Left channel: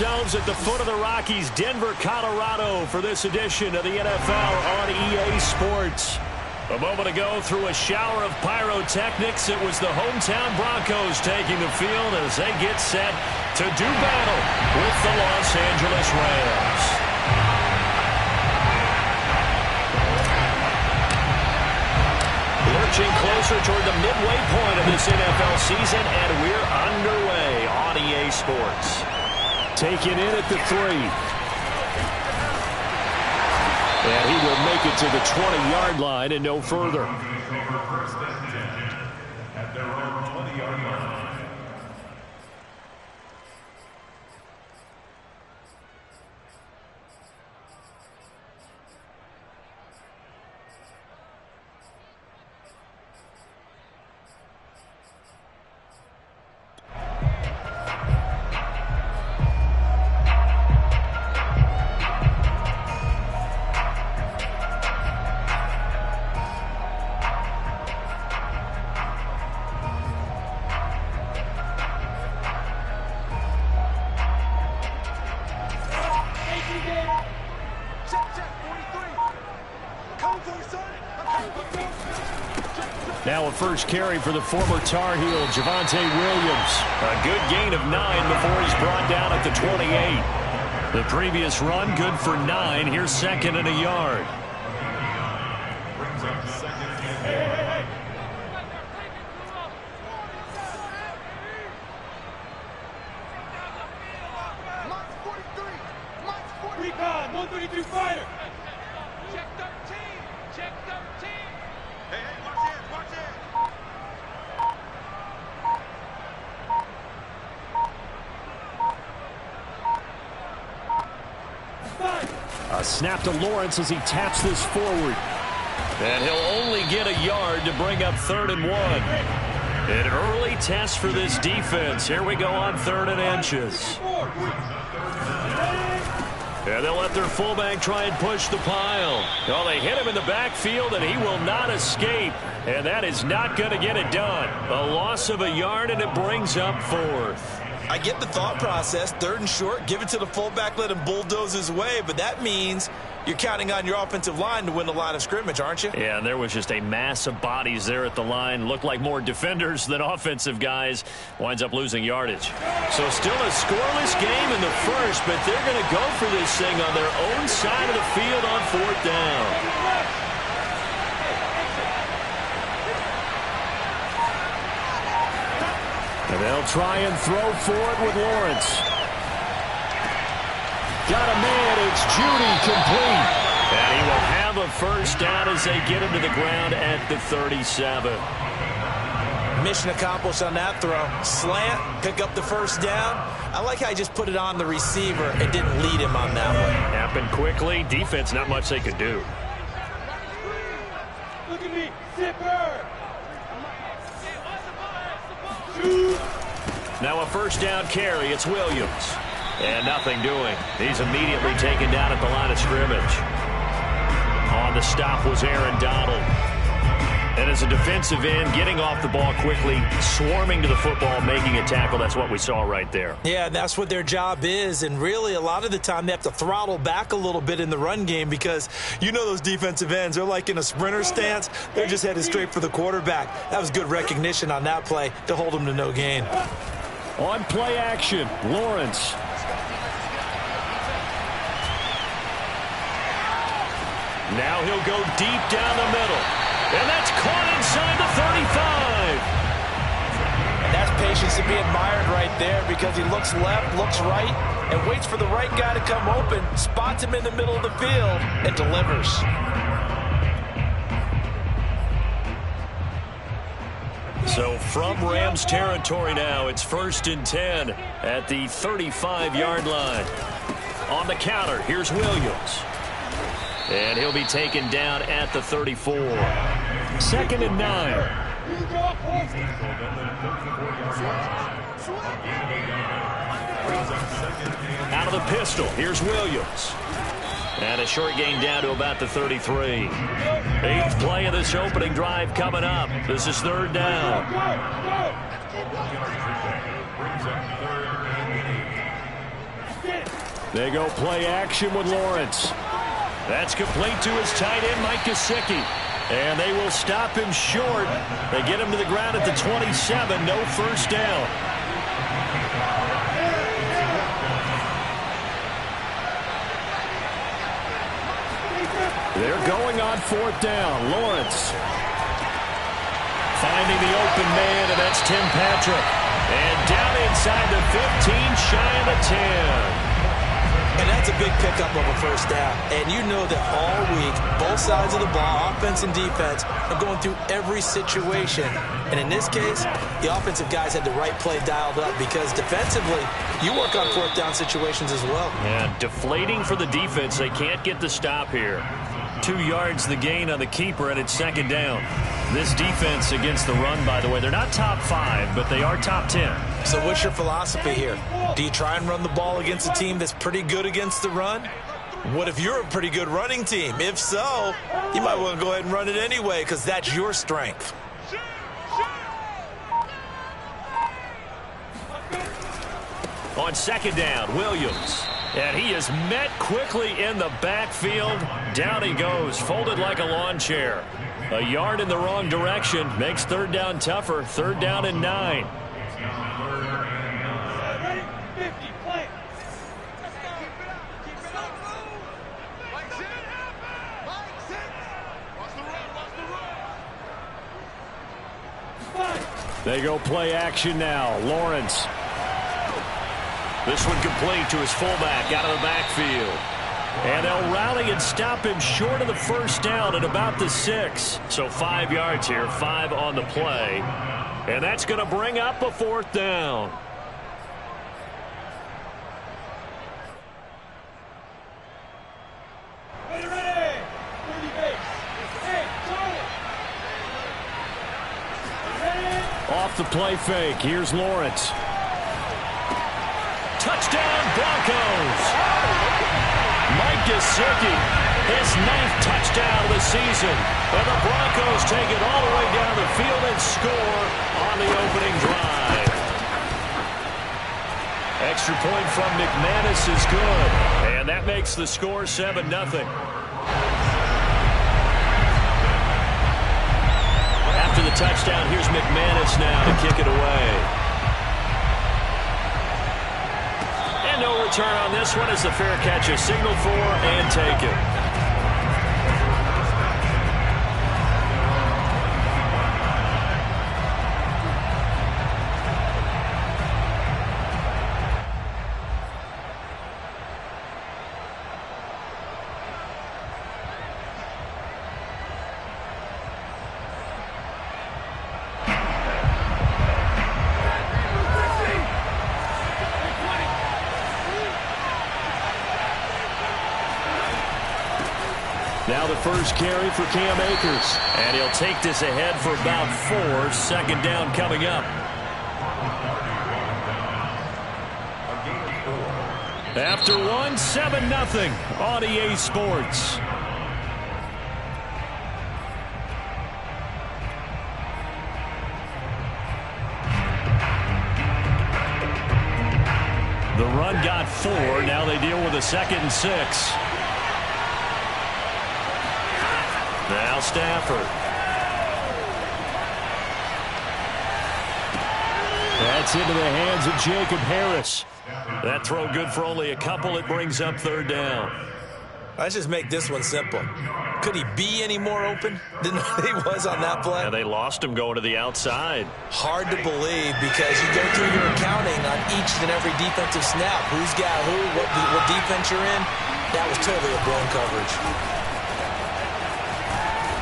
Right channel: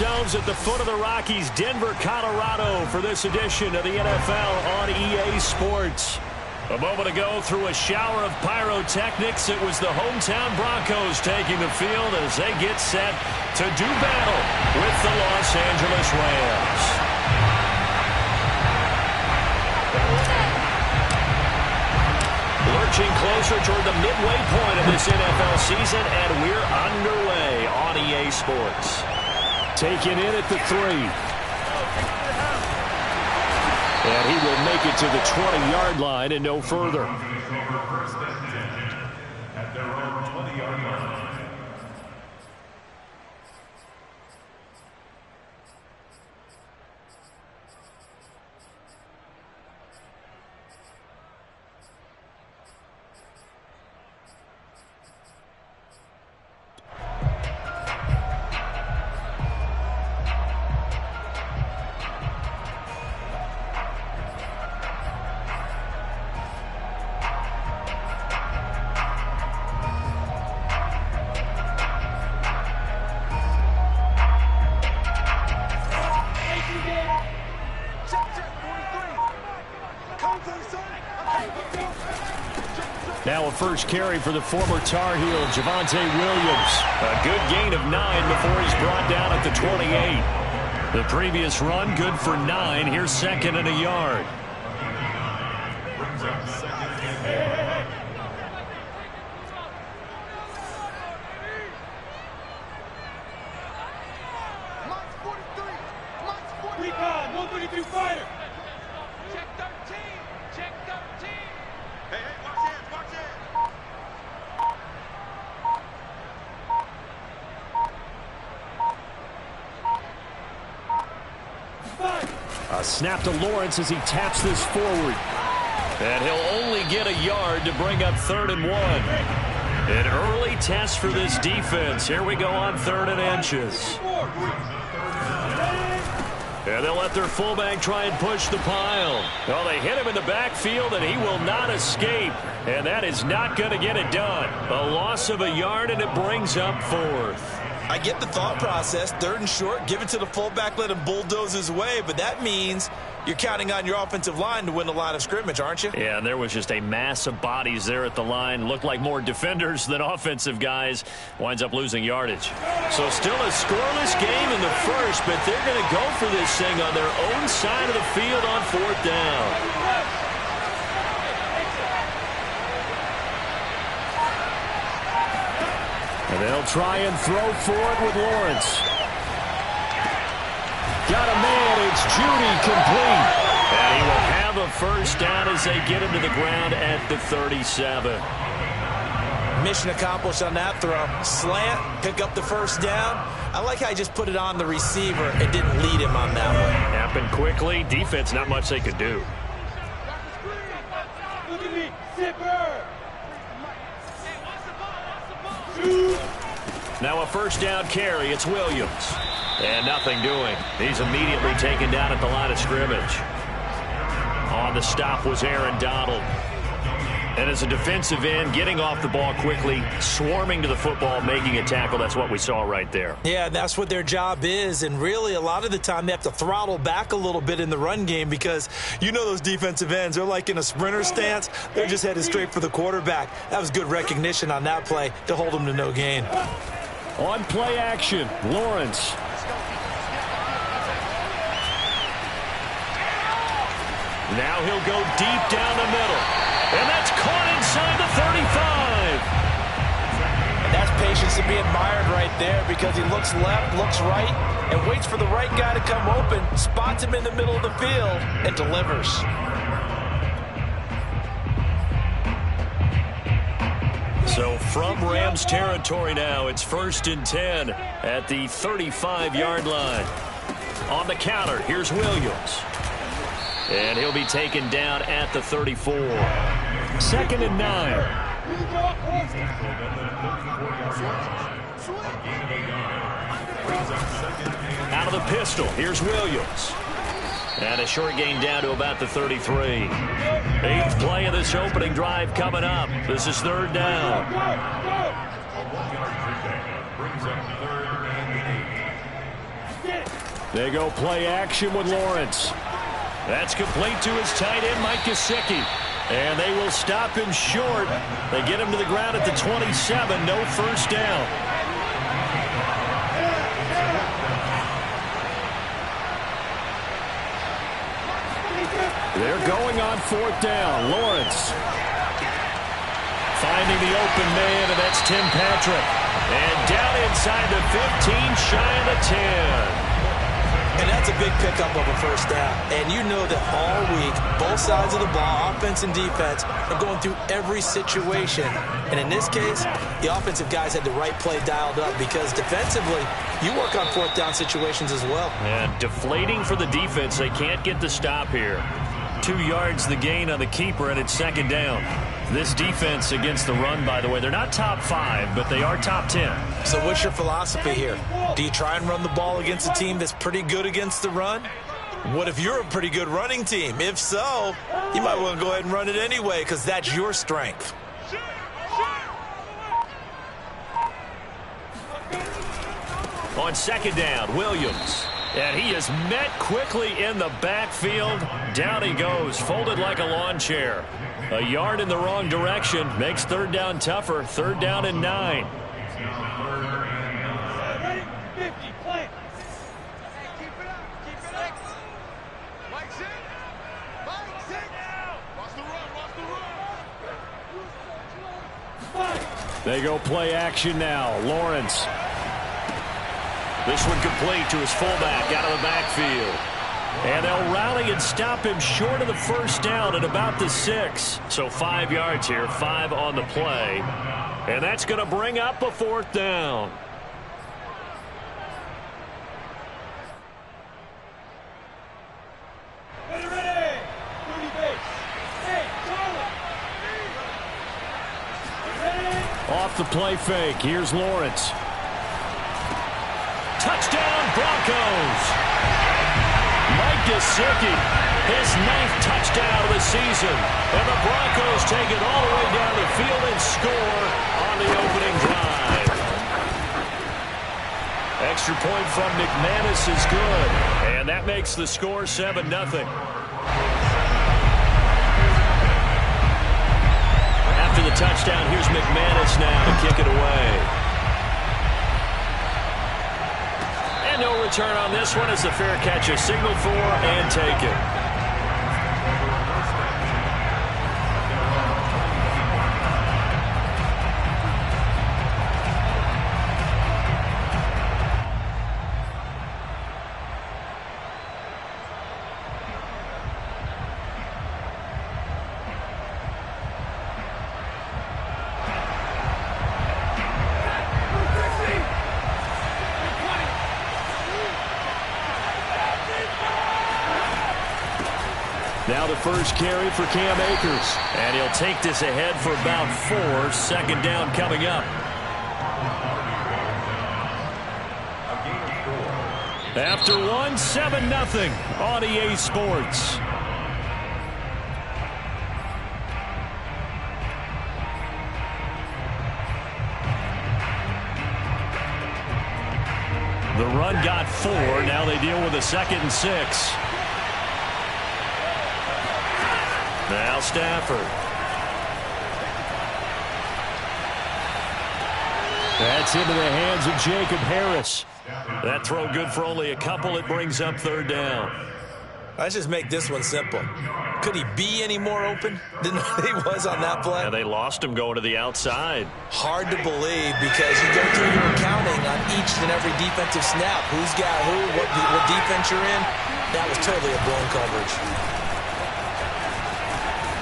ourselves at the foot of the Rockies, Denver, Colorado, for this edition of the NFL on EA Sports. A moment ago, through a shower of pyrotechnics, it was the hometown Broncos taking the field as they get set to do battle with the Los Angeles Rams. Lurching closer toward the midway point of this NFL season, and we're underway on EA Sports. Taken in at the 3. And he will make it to the 20-yard line and no further. At their own 20-yard line. Now a first carry for the former Tar Heel, Javonte Williams. A good gain of 9 before he's brought down at the 28. The previous run, good for 9. Here's second and a yard. Mike's 43. Mike's 43. Recon, 132 fighter. Check 13. Check 13. Hey, watch hands, watch hands. A snap to Lawrence as he taps this forward. And he'll only get a yard to bring up 3rd and 1. An early test for this defense. Here we go on 3rd and inches. And they'll let their fullback try and push the pile. Oh, they hit him in the backfield, and he will not escape. And that is not going to get it done. A loss of a yard, and it brings up 4th. I get the thought process. 3rd and short, give it to the fullback, let him bulldoze his way. But that means you're counting on your offensive line to win the line of scrimmage, aren't you? Yeah, and there was just a mass of bodies there at the line. Looked like more defenders than offensive guys. Winds up losing yardage. So still a scoreless game in the first, but they're going to go for this thing on their own side of the field on 4th down. And they'll try and throw for it with Lawrence. Got a man, it's Judy, complete. And he will have a first down as they get him to the ground at the 37. Mission accomplished on that throw. Slant, pick up the first down. I like how he just put it on the receiver and didn't lead him on that one. Happened quickly. Defense, not much they could do. Look at me, zipper. Now a first down carry. It's Williams. And nothing doing. He's immediately taken down at the line of scrimmage. On the stop was Aaron Donald. And as a defensive end, getting off the ball quickly, swarming to the football, making a tackle. That's what we saw right there. Yeah, that's what their job is. And really, a lot of the time, they have to throttle back a little bit in the run game because you know those defensive ends. They're like in a sprinter stance. They're just headed straight for the quarterback. That was good recognition on that play to hold them to no gain. On play action, Lawrence. Now he'll go deep down the middle. And that's caught inside the 35. And that's patience to be admired right there because he looks left, looks right, and waits for the right guy to come open, spots him in the middle of the field, and delivers. So from Rams territory now, it's 1st and 10 at the 35-yard line. On the counter, here's Williams. And he'll be taken down at the 34. 2nd and 9. Out of the pistol, here's Williams. And a short gain down to about the 33. 8th play of this opening drive coming up. This is 3rd down. They go play action with Lawrence. That's complete to his tight end, Mike Gesicki. And they will stop him short. They get him to the ground at the 27. No first down. They're going on 4th down. Lawrence finding the open man, and that's Tim Patrick. And down inside the 15, shy of the 10. And that's a big pickup of a first down. And you know that all week, both sides of the ball, offense and defense, are going through every situation. And in this case, the offensive guys had the right play dialed up because defensively, you work on 4th down situations as well. And deflating for the defense. They can't get the stop here. 2 yards the gain on the keeper, and it's 2nd down. This defense against the run, by the way, they're not top 5, but they are top 10. So what's your philosophy here? Do you try and run the ball against a team that's pretty good against the run? What if you're a pretty good running team? If so, you might want to go ahead and run it anyway because that's your strength. On 2nd down, Williams. And he is met quickly in the backfield. Down he goes, folded like a lawn chair. A yard in the wrong direction makes 3rd down tougher. 3rd down and 9. Ready? 50, play. Keep it up. Mike's in. Mike's in. Watch the run. They go play action now. Lawrence. This one complete to his fullback out of the backfield. And they'll rally and stop him short of the first down at about the 6. So 5 yards here, 5 on the play. And that's going to bring up a 4th down. Ready. 30 base. Hey, Charlie. Ready. Off the play fake. Here's Lawrence. Touchdown, Broncos. Mike Gesicki, his 9th touchdown of the season. And the Broncos take it all the way down the field and score on the opening drive. Extra point from McManus is good. And that makes the score 7-0. After the touchdown, here's McManus now to kick it away. No return on this one as the fair catch is signaled for and taken. Now the first carry for Cam Akers. And he'll take this ahead for about 4. 2nd down coming up. After 1, 7-0 on EA Sports. The run got 4. Now they deal with a 2nd and 6. Now Stafford. That's into the hands of Jacob Harris. That throw good for only a couple. It brings up 3rd down. Let's just make this one simple. Could he be any more open than he was on that play? And they lost him going to the outside. Hard to believe because you go through your accounting on each and every defensive snap. Who's got who, what defense you're in. That was totally a blown coverage.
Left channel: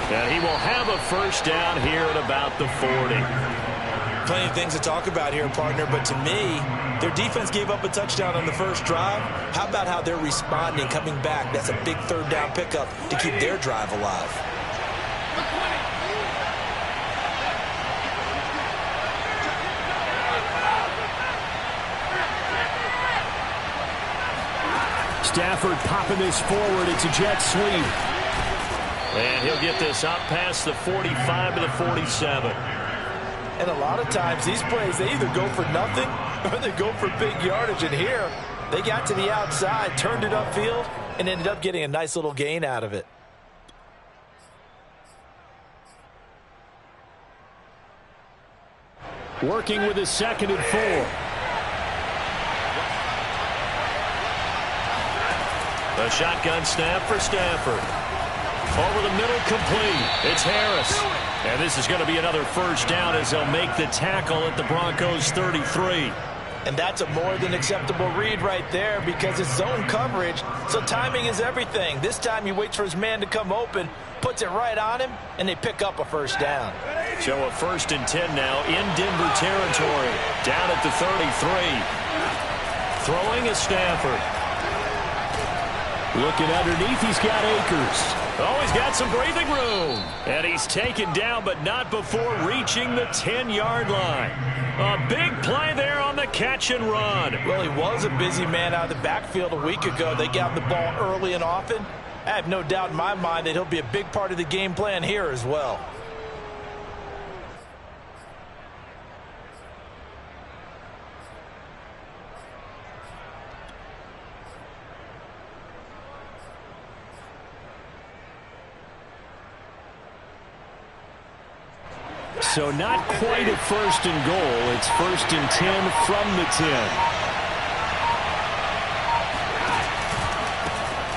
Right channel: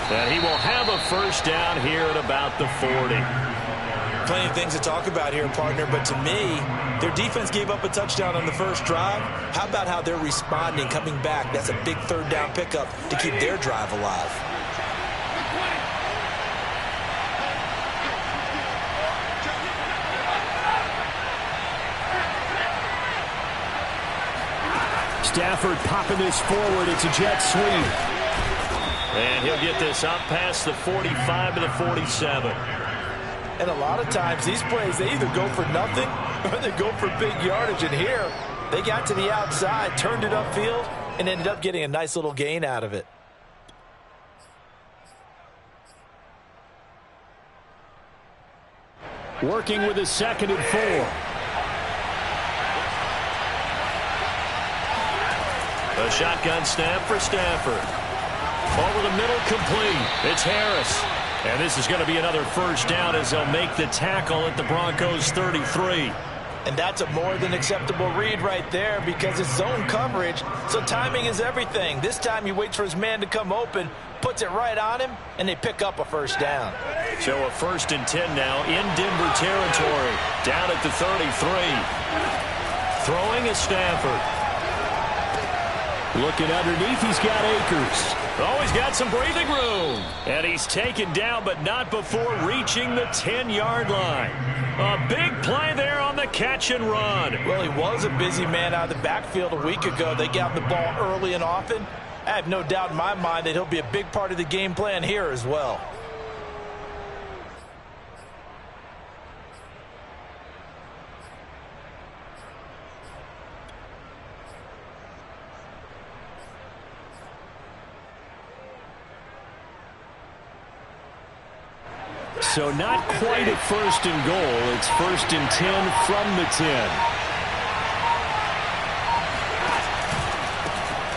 And he will have a first down here at about the 40. Plenty of things to talk about here, partner, but to me, their defense gave up a touchdown on the first drive. How about how they're responding, coming back? That's a big 3rd down pickup to keep their drive alive. Stafford popping this forward. It's a jet sweep. And he'll get this up past the 45 to the 47. And a lot of times, these plays, they either go for nothing or they go for big yardage. And here, They got to the outside, turned it upfield, and ended up getting a nice little gain out of it. Working with his 2nd and 4. A shotgun snap for Stafford. Over the middle, complete. It's Harris. And this is going to be another first down as they'll make the tackle at the Broncos' 33. And that's a more than acceptable read right there because it's zone coverage, so timing is everything. This time he waits for his man to come open, puts it right on him, and they pick up a first down. So a 1st and 10 now in Denver territory. Down at the 33. Throwing is Stafford. Looking underneath, he's got Akers. Oh, he's got some breathing room. And he's taken down, but not before reaching the 10-yard line. A big play there on the catch and run. Well, he was a busy man out of the backfield a week ago. They got the ball early and often. I have no doubt in my mind that he'll be a big part of the game plan here as well. So not quite a 1st and goal. It's 1st and 10 from the 10.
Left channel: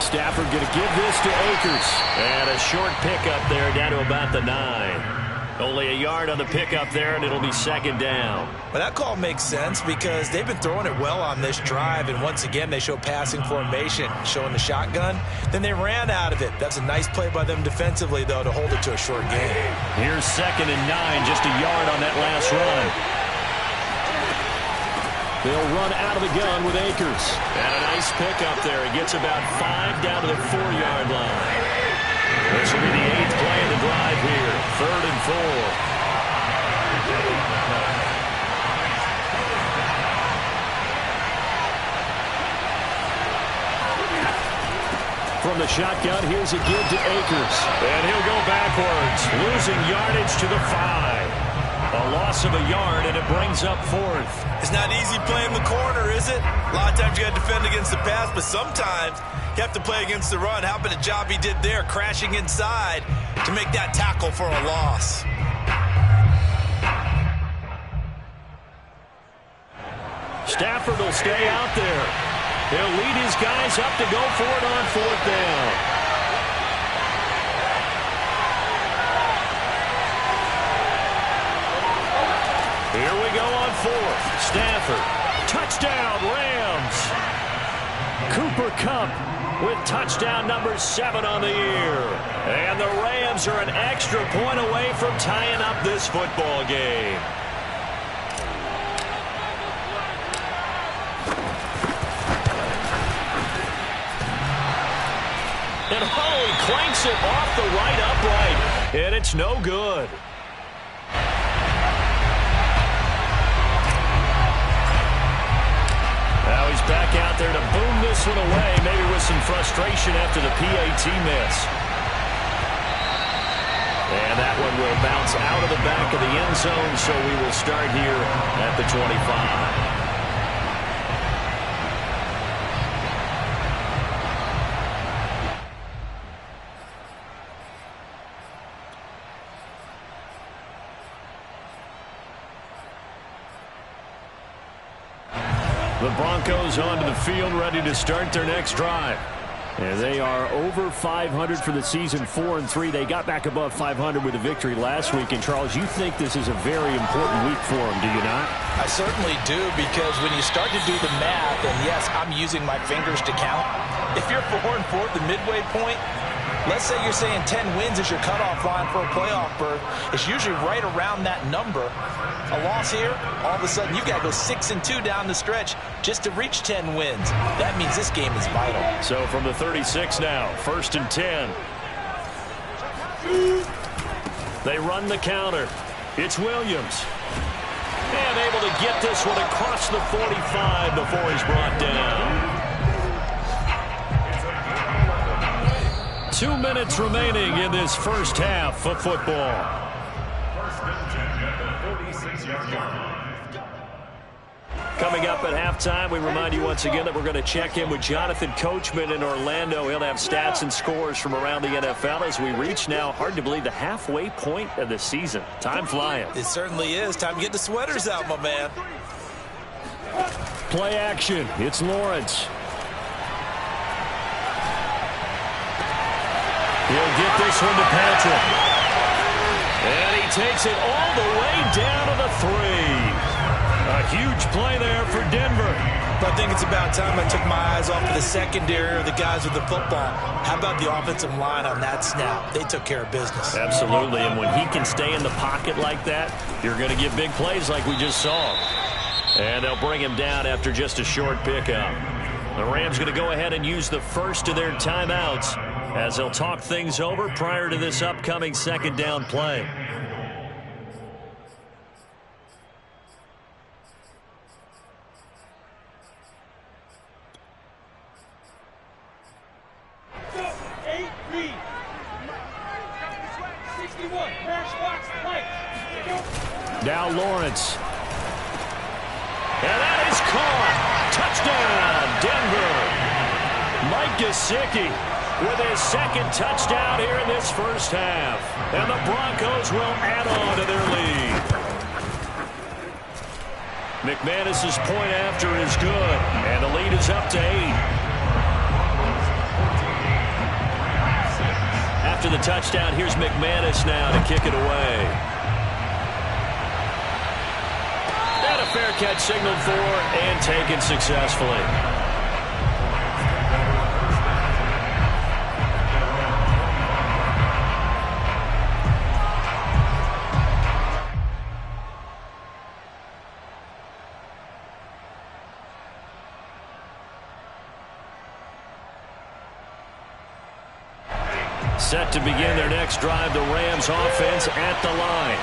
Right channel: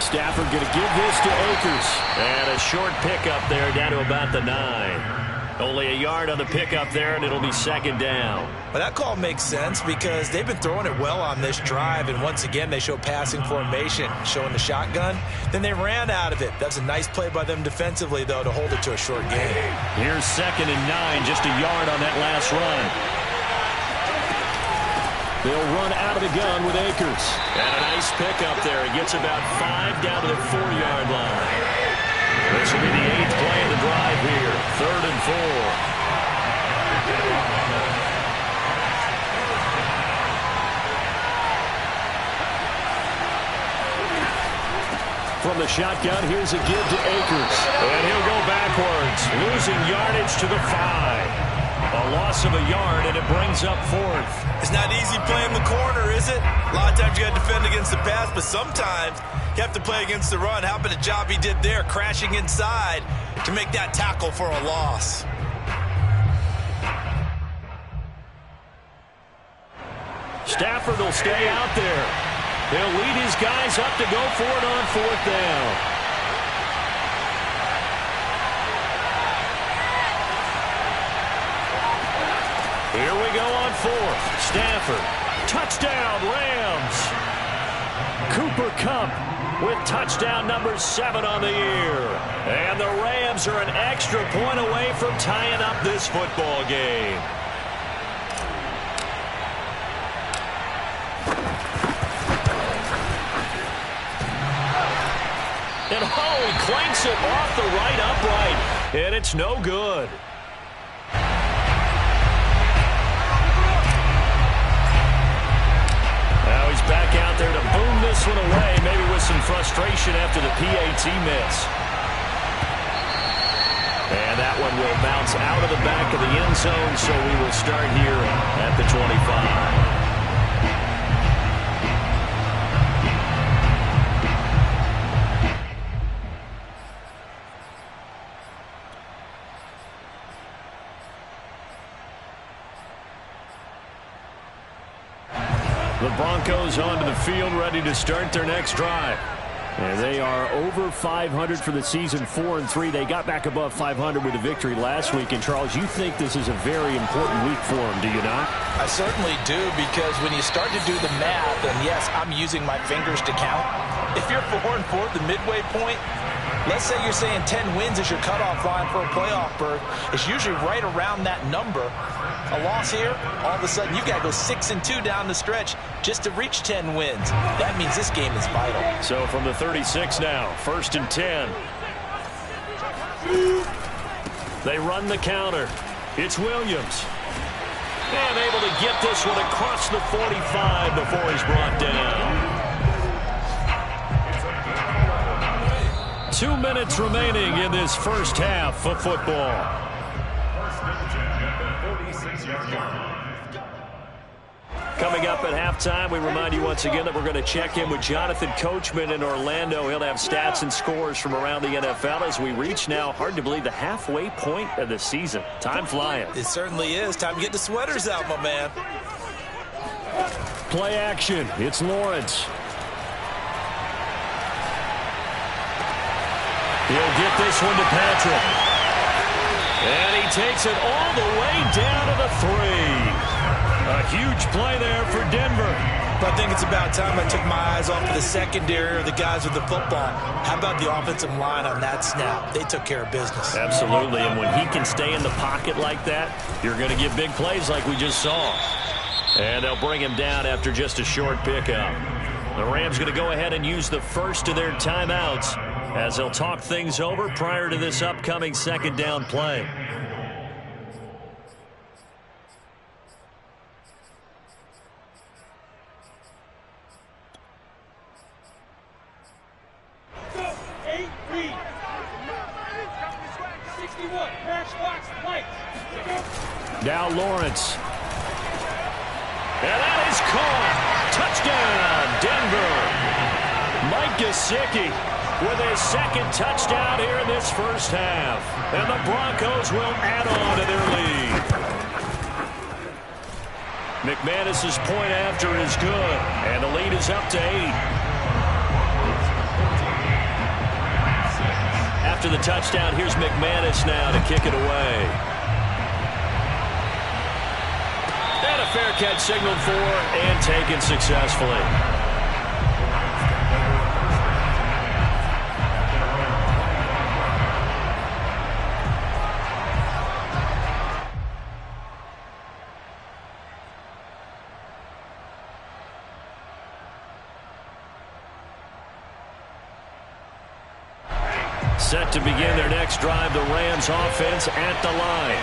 Stafford going to give this to Akers. And a short pickup there down to about the 9. Only a yard on the pickup there, and it'll be 2nd down. Well, that call makes sense because they've been throwing it well on this drive, and once again they show passing formation, showing the shotgun. Then they ran out of it. That's a nice play by them defensively, though, to hold it to a short gain. Here's 2nd and 9, just a yard on that last run. They'll run out of the gun with Akers. And a nice pickup there. He gets about 5 down to the 4-yard line. This will be the 8th play of the drive here. 3rd and 4. From the shotgun, here's a give to Akers. And he'll go backwards, losing yardage to the 5. A loss of a yard, and it brings up 4th. It's not easy playing the corner, is it? A lot of times you got to defend against the pass, but sometimes you have to play against the run. How about the job he did there, crashing inside to make that tackle for a loss? Stafford will stay out there. He'll lead his guys up to go for it on 4th down. Here we go on 4th. Stafford. Touchdown, Rams. Cooper Kupp with touchdown number 7 on the year. And the Rams are an extra point away from tying up this football game. And he clanks it off the right upright. And it's no good. Now he's back out there to boom this one away, maybe with some frustration after the PAT miss. And that one will bounce out of the back of the end zone, so we will start here at the 25. The Broncos onto the field, ready to start their next drive. And they are over 500 for the season, 4-3. They got back above 500 with a victory last week. And, Charles, you think this is a very important week for them, do you not? I certainly do, because when you start to do the math, and yes, I'm using my fingers to count. If you're 4-4 at the midway point, let's say you're saying 10 wins is your cutoff line for a playoff berth. It's usually right around that number. A loss here, all of a sudden you got to go 6-2 down the stretch just to reach 10 wins. That means this game is vital. So from the 36 now, 1st and 10. They run the counter. It's Williams. And able to get this one across the 45 before he's brought down. 2 minutes remaining in this first half of football. Coming up at halftime, we remind you once again that we're going to check in with Jonathan Coachman in Orlando. He'll have stats and scores from around the NFL as we reach now, hard to believe, the halfway point of the season. Time flying. It certainly is. Time to get the sweaters out, my man. Play action. It's Lawrence. He'll get this one to Patrick. And he takes it all the way down to the 3. A huge play there for Denver. But I think it's about time I took my eyes off of the secondary or the guys with the football. How about the offensive line on that snap? They took care of business. Absolutely, and when he can stay in the pocket like that, you're going to get big plays like we just saw. And they'll bring him down after just a short pickup. The Rams going to go ahead and use the first of their timeouts as they'll talk things over prior to this upcoming second down play. Now Lawrence. And that is caught. Touchdown, Denver. Mike Gesicki with his second touchdown here in this first half. And the Broncos will add on to their lead. McManus's point after is good. And the lead is up to 8. After the touchdown, here's McManus now to kick it away. And a fair catch signaled for and taken successfully. Set to begin their next drive, the Rams offense at the line.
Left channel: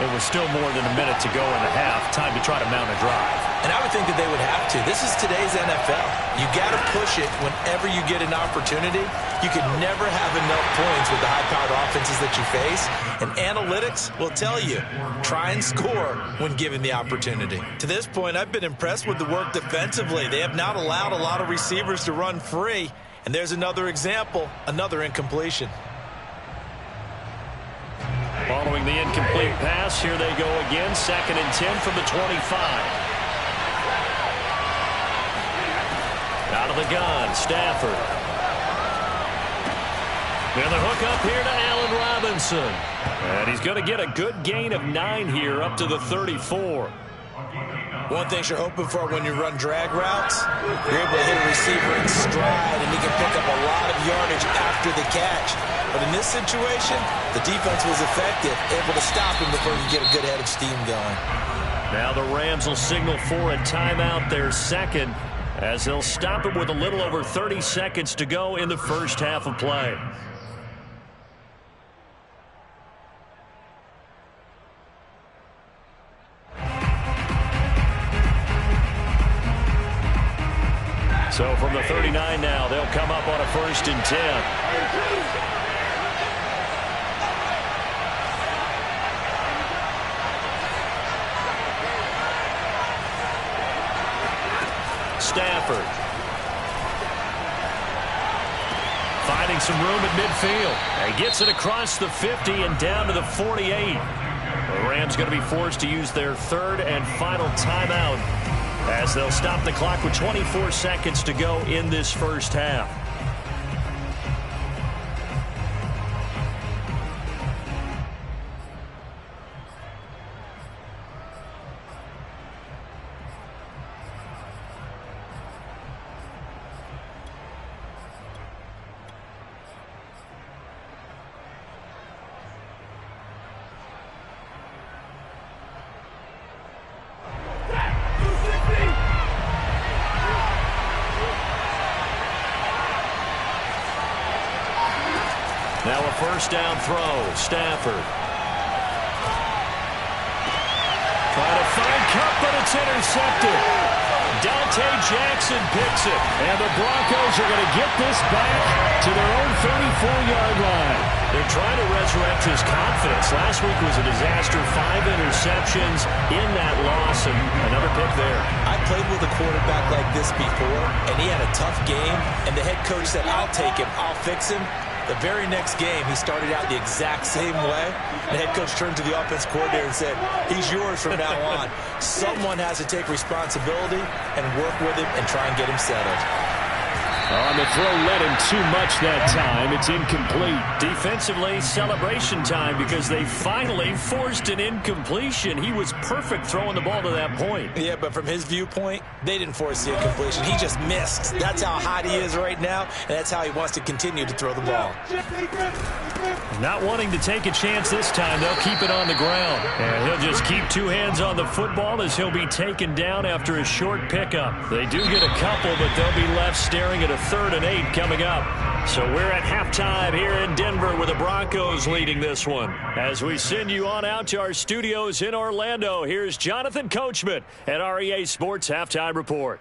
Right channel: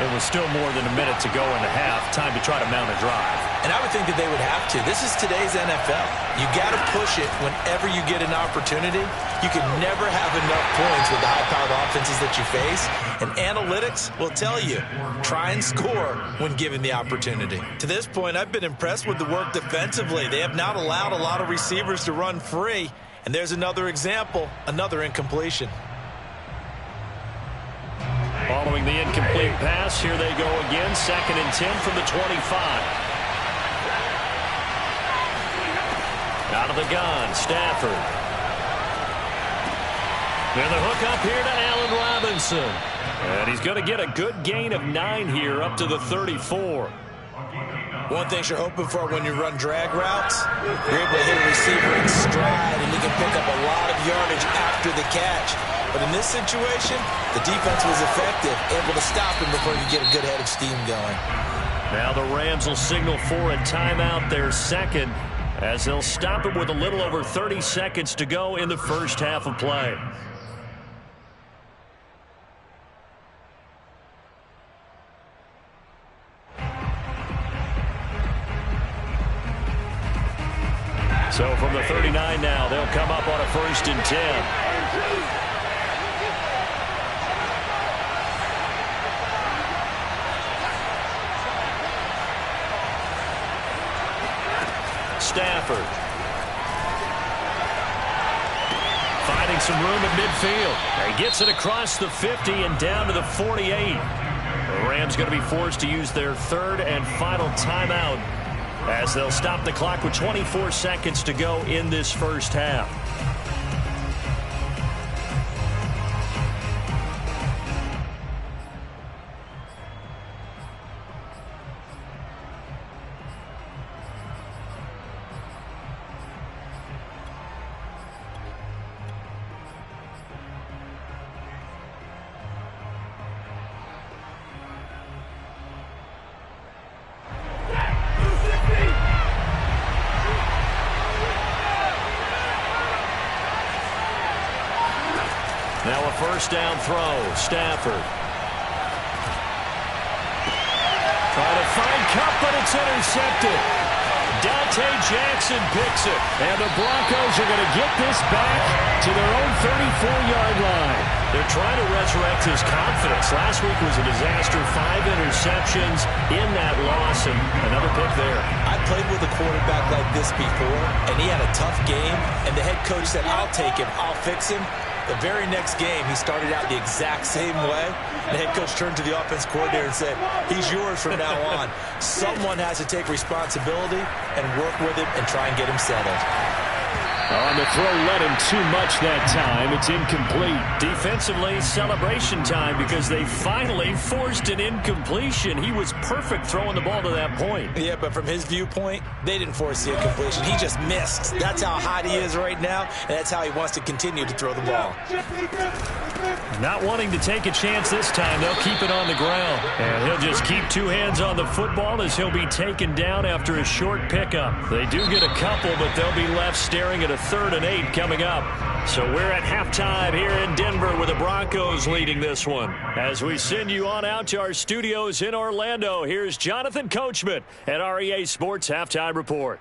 It was still more than a minute to go in the half. Time to try to mount a drive. And I would think that they would have to. This is today's NFL. You got to push it whenever you get an opportunity. You can never have enough points with the high-powered offenses that you face. And analytics will tell you, try and score when given the opportunity. To this point, I've been impressed with the work defensively. They have not allowed a lot of receivers to run free. And there's another example, another incompletion. Following the incomplete pass, here they go again. 2nd and 10 from the 25. Out of the gun, Stafford. And the hook up here to Allen Robinson. And he's going to get a good gain of 9 here up to the 34. One thing you're hoping for when you run drag routes, you're able to hit a receiver in stride, and he can pick up a lot of yardage after the catch. But in this situation, the defense was effective, able to stop him before you get a good head of steam going. Now the Rams will signal for a timeout, their second, as they'll stop him with a little over 30 seconds to go in the first half of play. So from the 39 now, they'll come up on a 1st and 10. Stafford. Finding some room at midfield. He gets it across the 50 and down to the 48. The Rams going to be forced to use their 3rd and final timeout as they'll stop the clock with 24 seconds to go in this first half. Now a 1st down throw. Stafford. Trying to find Kupp, but it's intercepted. Dante Jackson picks it. And the Broncos are going to get this back to their own 34-yard line. They're trying to resurrect his confidence. Last week was a disaster. 5 interceptions in that loss, and another pick there. I played with a quarterback like this before, and he had a tough game, and the head coach said, I'll take him, I'll fix him. The very next game, he started out the exact same way. The head coach turned to the offense coordinator and said, he's yours from now on. Someone has to take responsibility and work with him and try and get him settled. On the throw, led him too much that time. It's incomplete. Defensively, celebration time because they finally forced an incompletion. He was perfect throwing the ball to that point. Yeah, but from his viewpoint, they didn't force the incompletion. He just missed. That's how hot he is right now, and that's how he wants to continue to throw the ball. Not wanting to take a chance this time, they'll keep it on the ground. And he'll just keep 2 hands on the football as he'll be taken down after a short pickup. They do get a couple, but they'll be left staring at a 3rd and 8 coming up. So we're at halftime here in Denver with the Broncos leading this one. As we send you on out to our studios in Orlando, here's Jonathan Coachman at our EA Sports Halftime Report.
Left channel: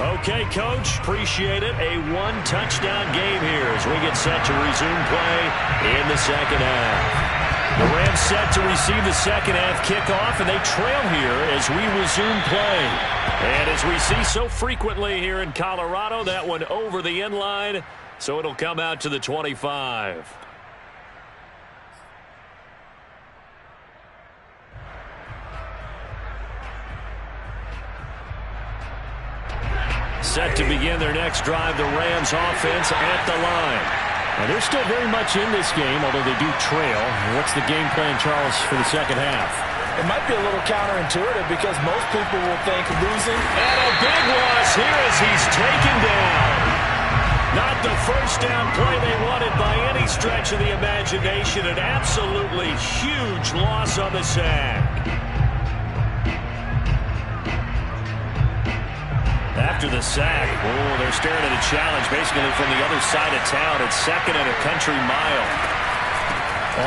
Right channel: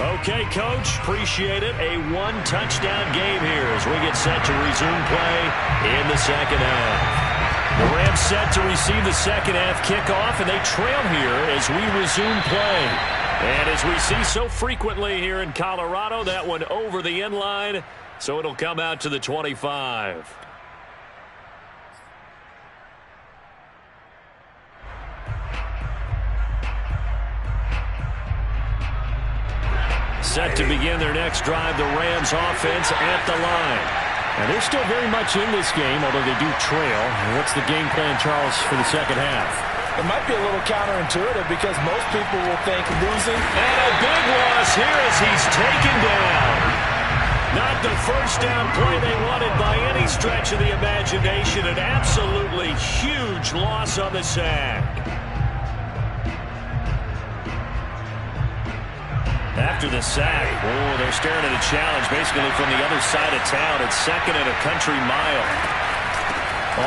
Okay, Coach, appreciate it. A 1-touchdown game here as we get set to resume play in the second half. The Rams set to receive the second half kickoff, and they trail here as we resume play. And as we see so frequently here in Colorado, that one over the end line, so it'll come out to the 25. Set to begin their next drive, the Rams offense at the line. And they're still very much in this game, although they do trail. What's the game plan, Charles, for the second half? It might be a little counterintuitive because most people will think losing. And a big loss here as he's taken down. Not the first down play they wanted by any stretch of the imagination. An absolutely huge loss on the sack. After the sack, they're staring at a challenge basically from the other side of town. It's 2nd and a country mile.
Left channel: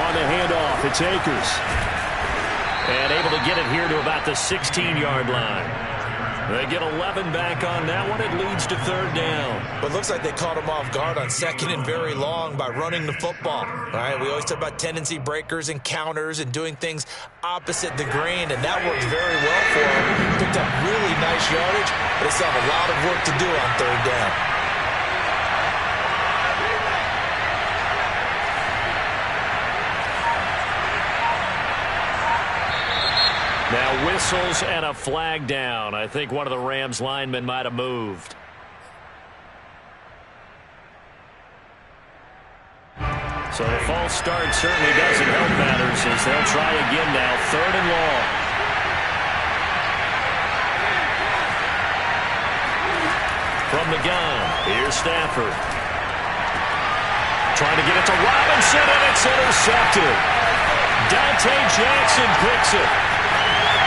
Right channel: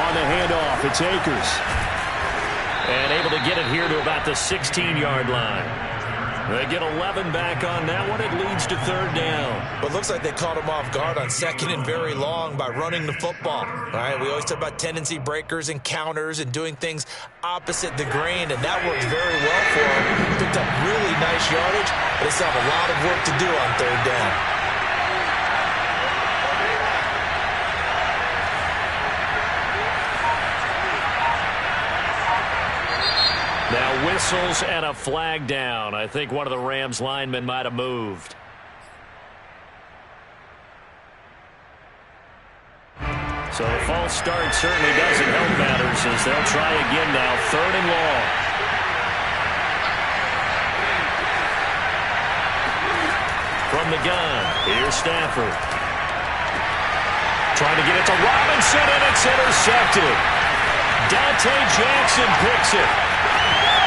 On the handoff, it's Akers. And able to get it here to about the 16-yard line. They get 11 back on that one. It leads to 3rd down. But it looks like they caught him off guard on 2nd and very long by running the football. Right? We always talk about tendency breakers and counters and doing things opposite the grain, and that worked very well for them. Picked up really nice yardage, but they still have a lot of work to do on 3rd down. Now whistles and a flag down. I think one of the Rams linemen might have moved. So the false start certainly doesn't help matters as they'll try again now. 3rd and long. From the gun, here's Stafford. Trying to get it to Robinson, and it's intercepted. Dante Jackson picks it.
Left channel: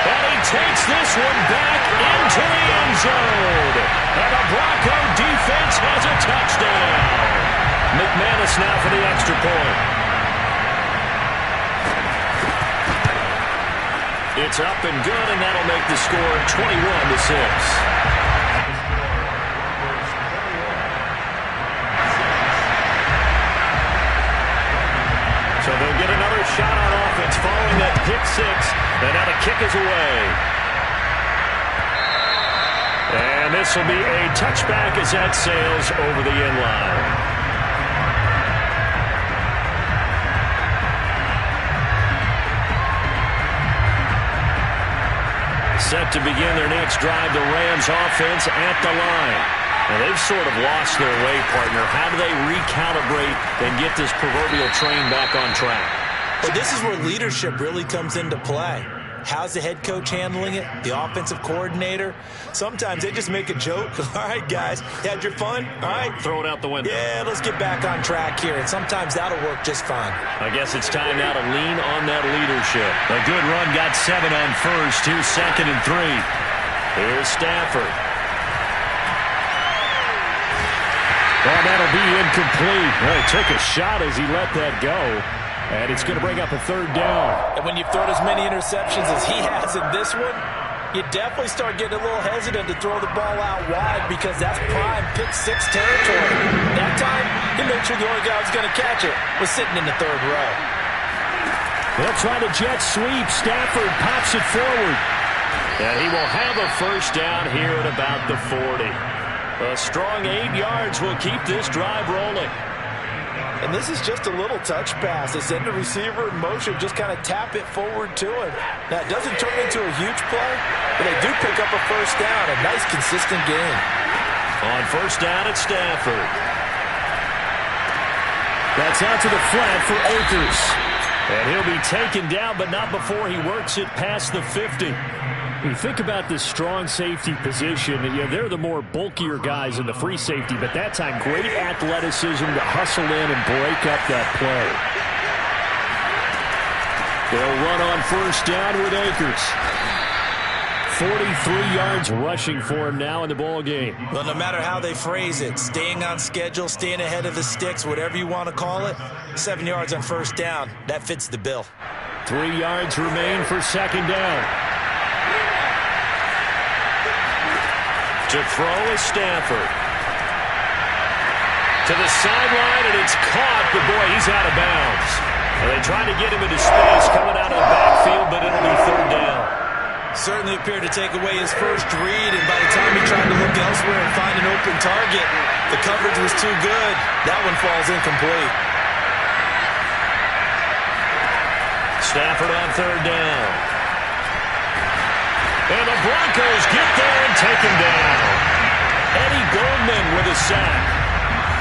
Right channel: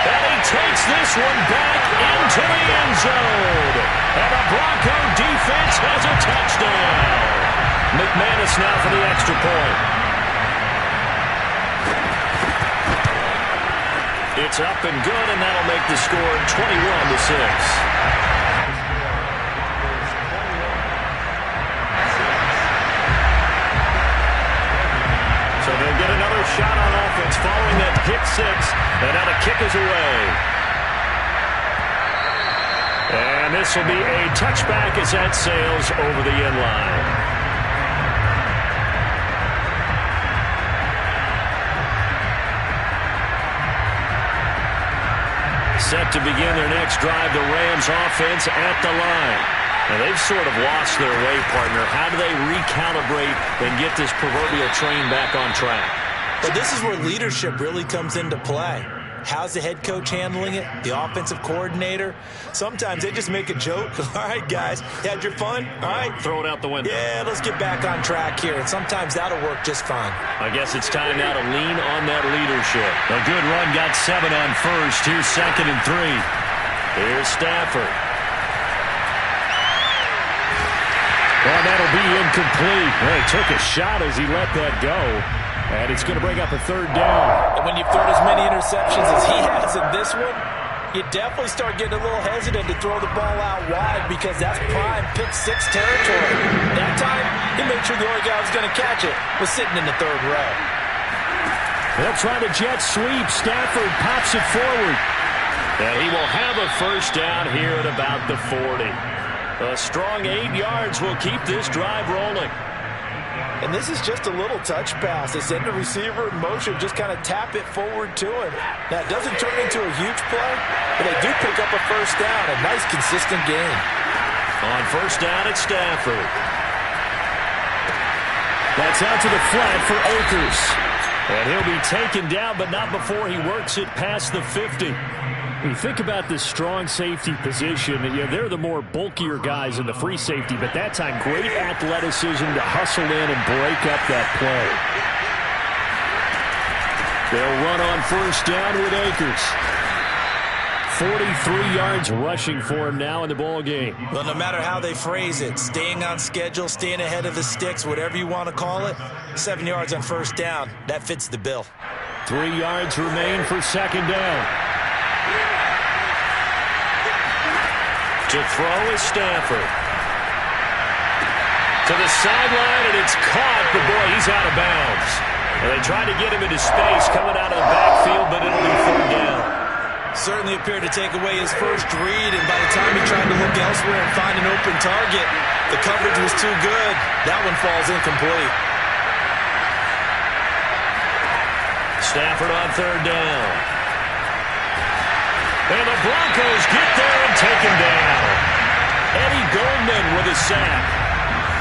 And he takes this one back into the end zone. And the Bronco defense has a touchdown. McManus now for the extra point. It's up and good, and that'll make the score 21-6. So they'll get another shot on offense following that pick 6. And now the kick is away. And this will be a touchback as that sails over the end line. Set to begin their next drive, the Rams offense at the line. Now, they've sort of lost their way, partner. How do they recalibrate and get this proverbial train back on track? Well, this is where leadership really comes into play. How's the head coach handling it? The offensive coordinator? Sometimes they just make a joke. All right, guys, you had your fun? All right. Throw it out the window. Yeah, let's get back on track here. And sometimes that'll work just fine. I guess it's time now to lean on that leadership. A good run got 7 on first. Here's 2nd and 3. Here's Stafford. Oh, that'll be incomplete. Well, he took a shot as he let that go. And it's going to bring up a third down. And when you've thrown as many interceptions as he has in this one, you definitely start getting a little hesitant to throw the ball out wide because that's prime pick-6 territory. That time, he made sure the only guy who was going to catch it was sitting in the third row. They'll try to jet sweep. Stafford pops it forward. And he will have a first down here at about the 40. A strong 8 yards will keep this drive rolling. And this is just a little touch pass. They send the receiver in motion, just kind of tap it forward to him. Now, it doesn't turn into a huge play, but they do pick up a first down. A nice, consistent gain. On first down at Stafford. That's out to the flat for Akers. And he'll be taken down, but not before he works it past the 50. You think about this strong safety position. They're the more bulkier guys in the free safety, but that time, great athleticism to hustle in and break up that play. They'll run on first down with Akers. 43 yards rushing for him now in the ball game. Well, no matter how they phrase it, staying on schedule, staying ahead of the sticks, whatever you want to call it, 7 yards on first down, that fits the bill. 3 yards remain for second down. To throw is Stafford. To the sideline, and it's caught, but boy, he's out of bounds. And they tried to get him into space coming out of the backfield, but it'll be third down. Certainly appeared to take away his first read, and by the time he tried to look elsewhere and find an open target, the coverage was too good. That one falls incomplete. Stafford on third down. And the Broncos get there and take him down. Eddie Goldman with a sack.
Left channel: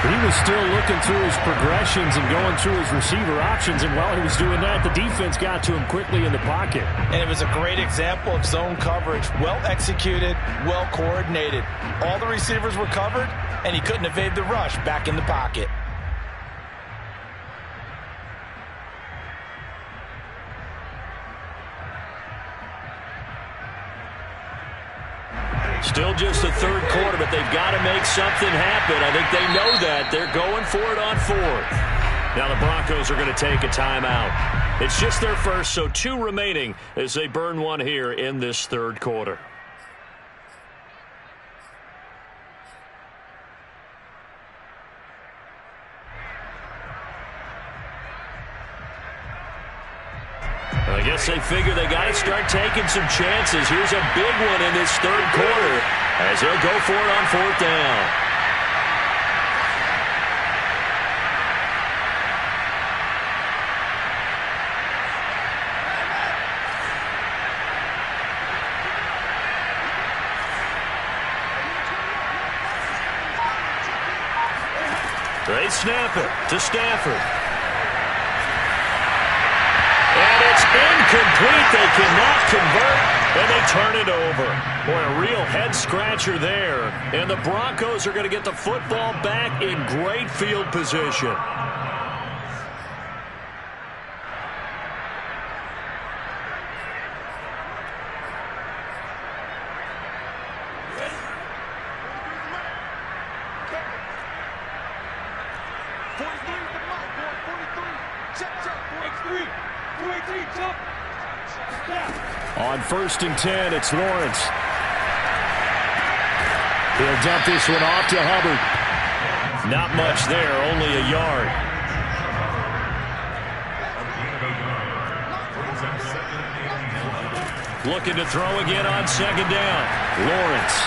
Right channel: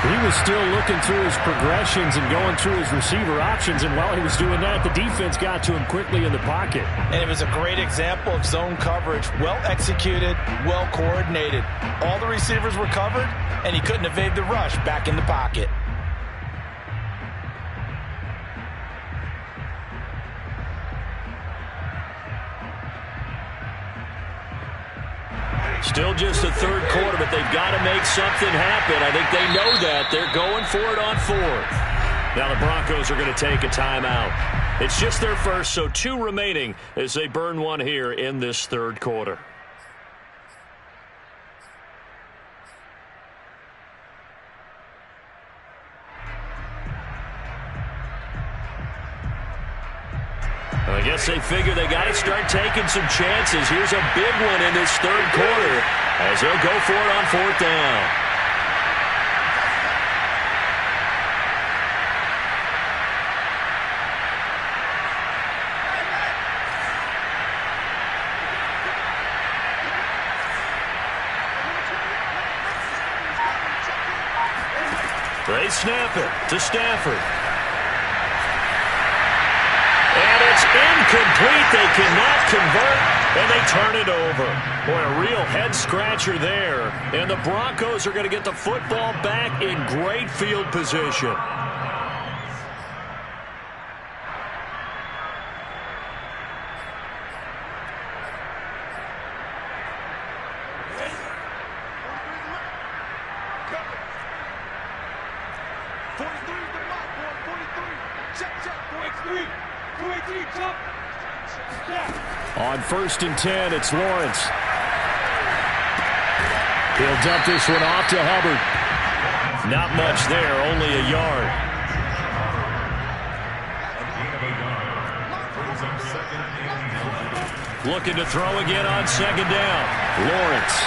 He was still looking through his progressions and going through his receiver options, and while he was doing that, the defense got to him quickly in the pocket. And it was a great example of zone coverage. Well executed, well coordinated. All the receivers were covered, and he couldn't evade the rush back in the pocket. Still just the third quarter, but they've got to make something happen. I think they know that. They're going for it on fourth. Now the Broncos are going to take a timeout. It's just their first, so 2 remaining as they burn one here in this third quarter. I guess they figure they got to start taking some chances. Here's a big one in this third quarter as he'll go for it on fourth down. They snap it to Stafford. And it's incomplete. They cannot convert, and they turn it over. Boy, a real head-scratcher there. And the Broncos are going to get the football back in great field position. On 1st and 10, it's Lawrence. He'll dump this one off to Hubbard. Not much there, only a yard. Looking to throw again on second down. Lawrence.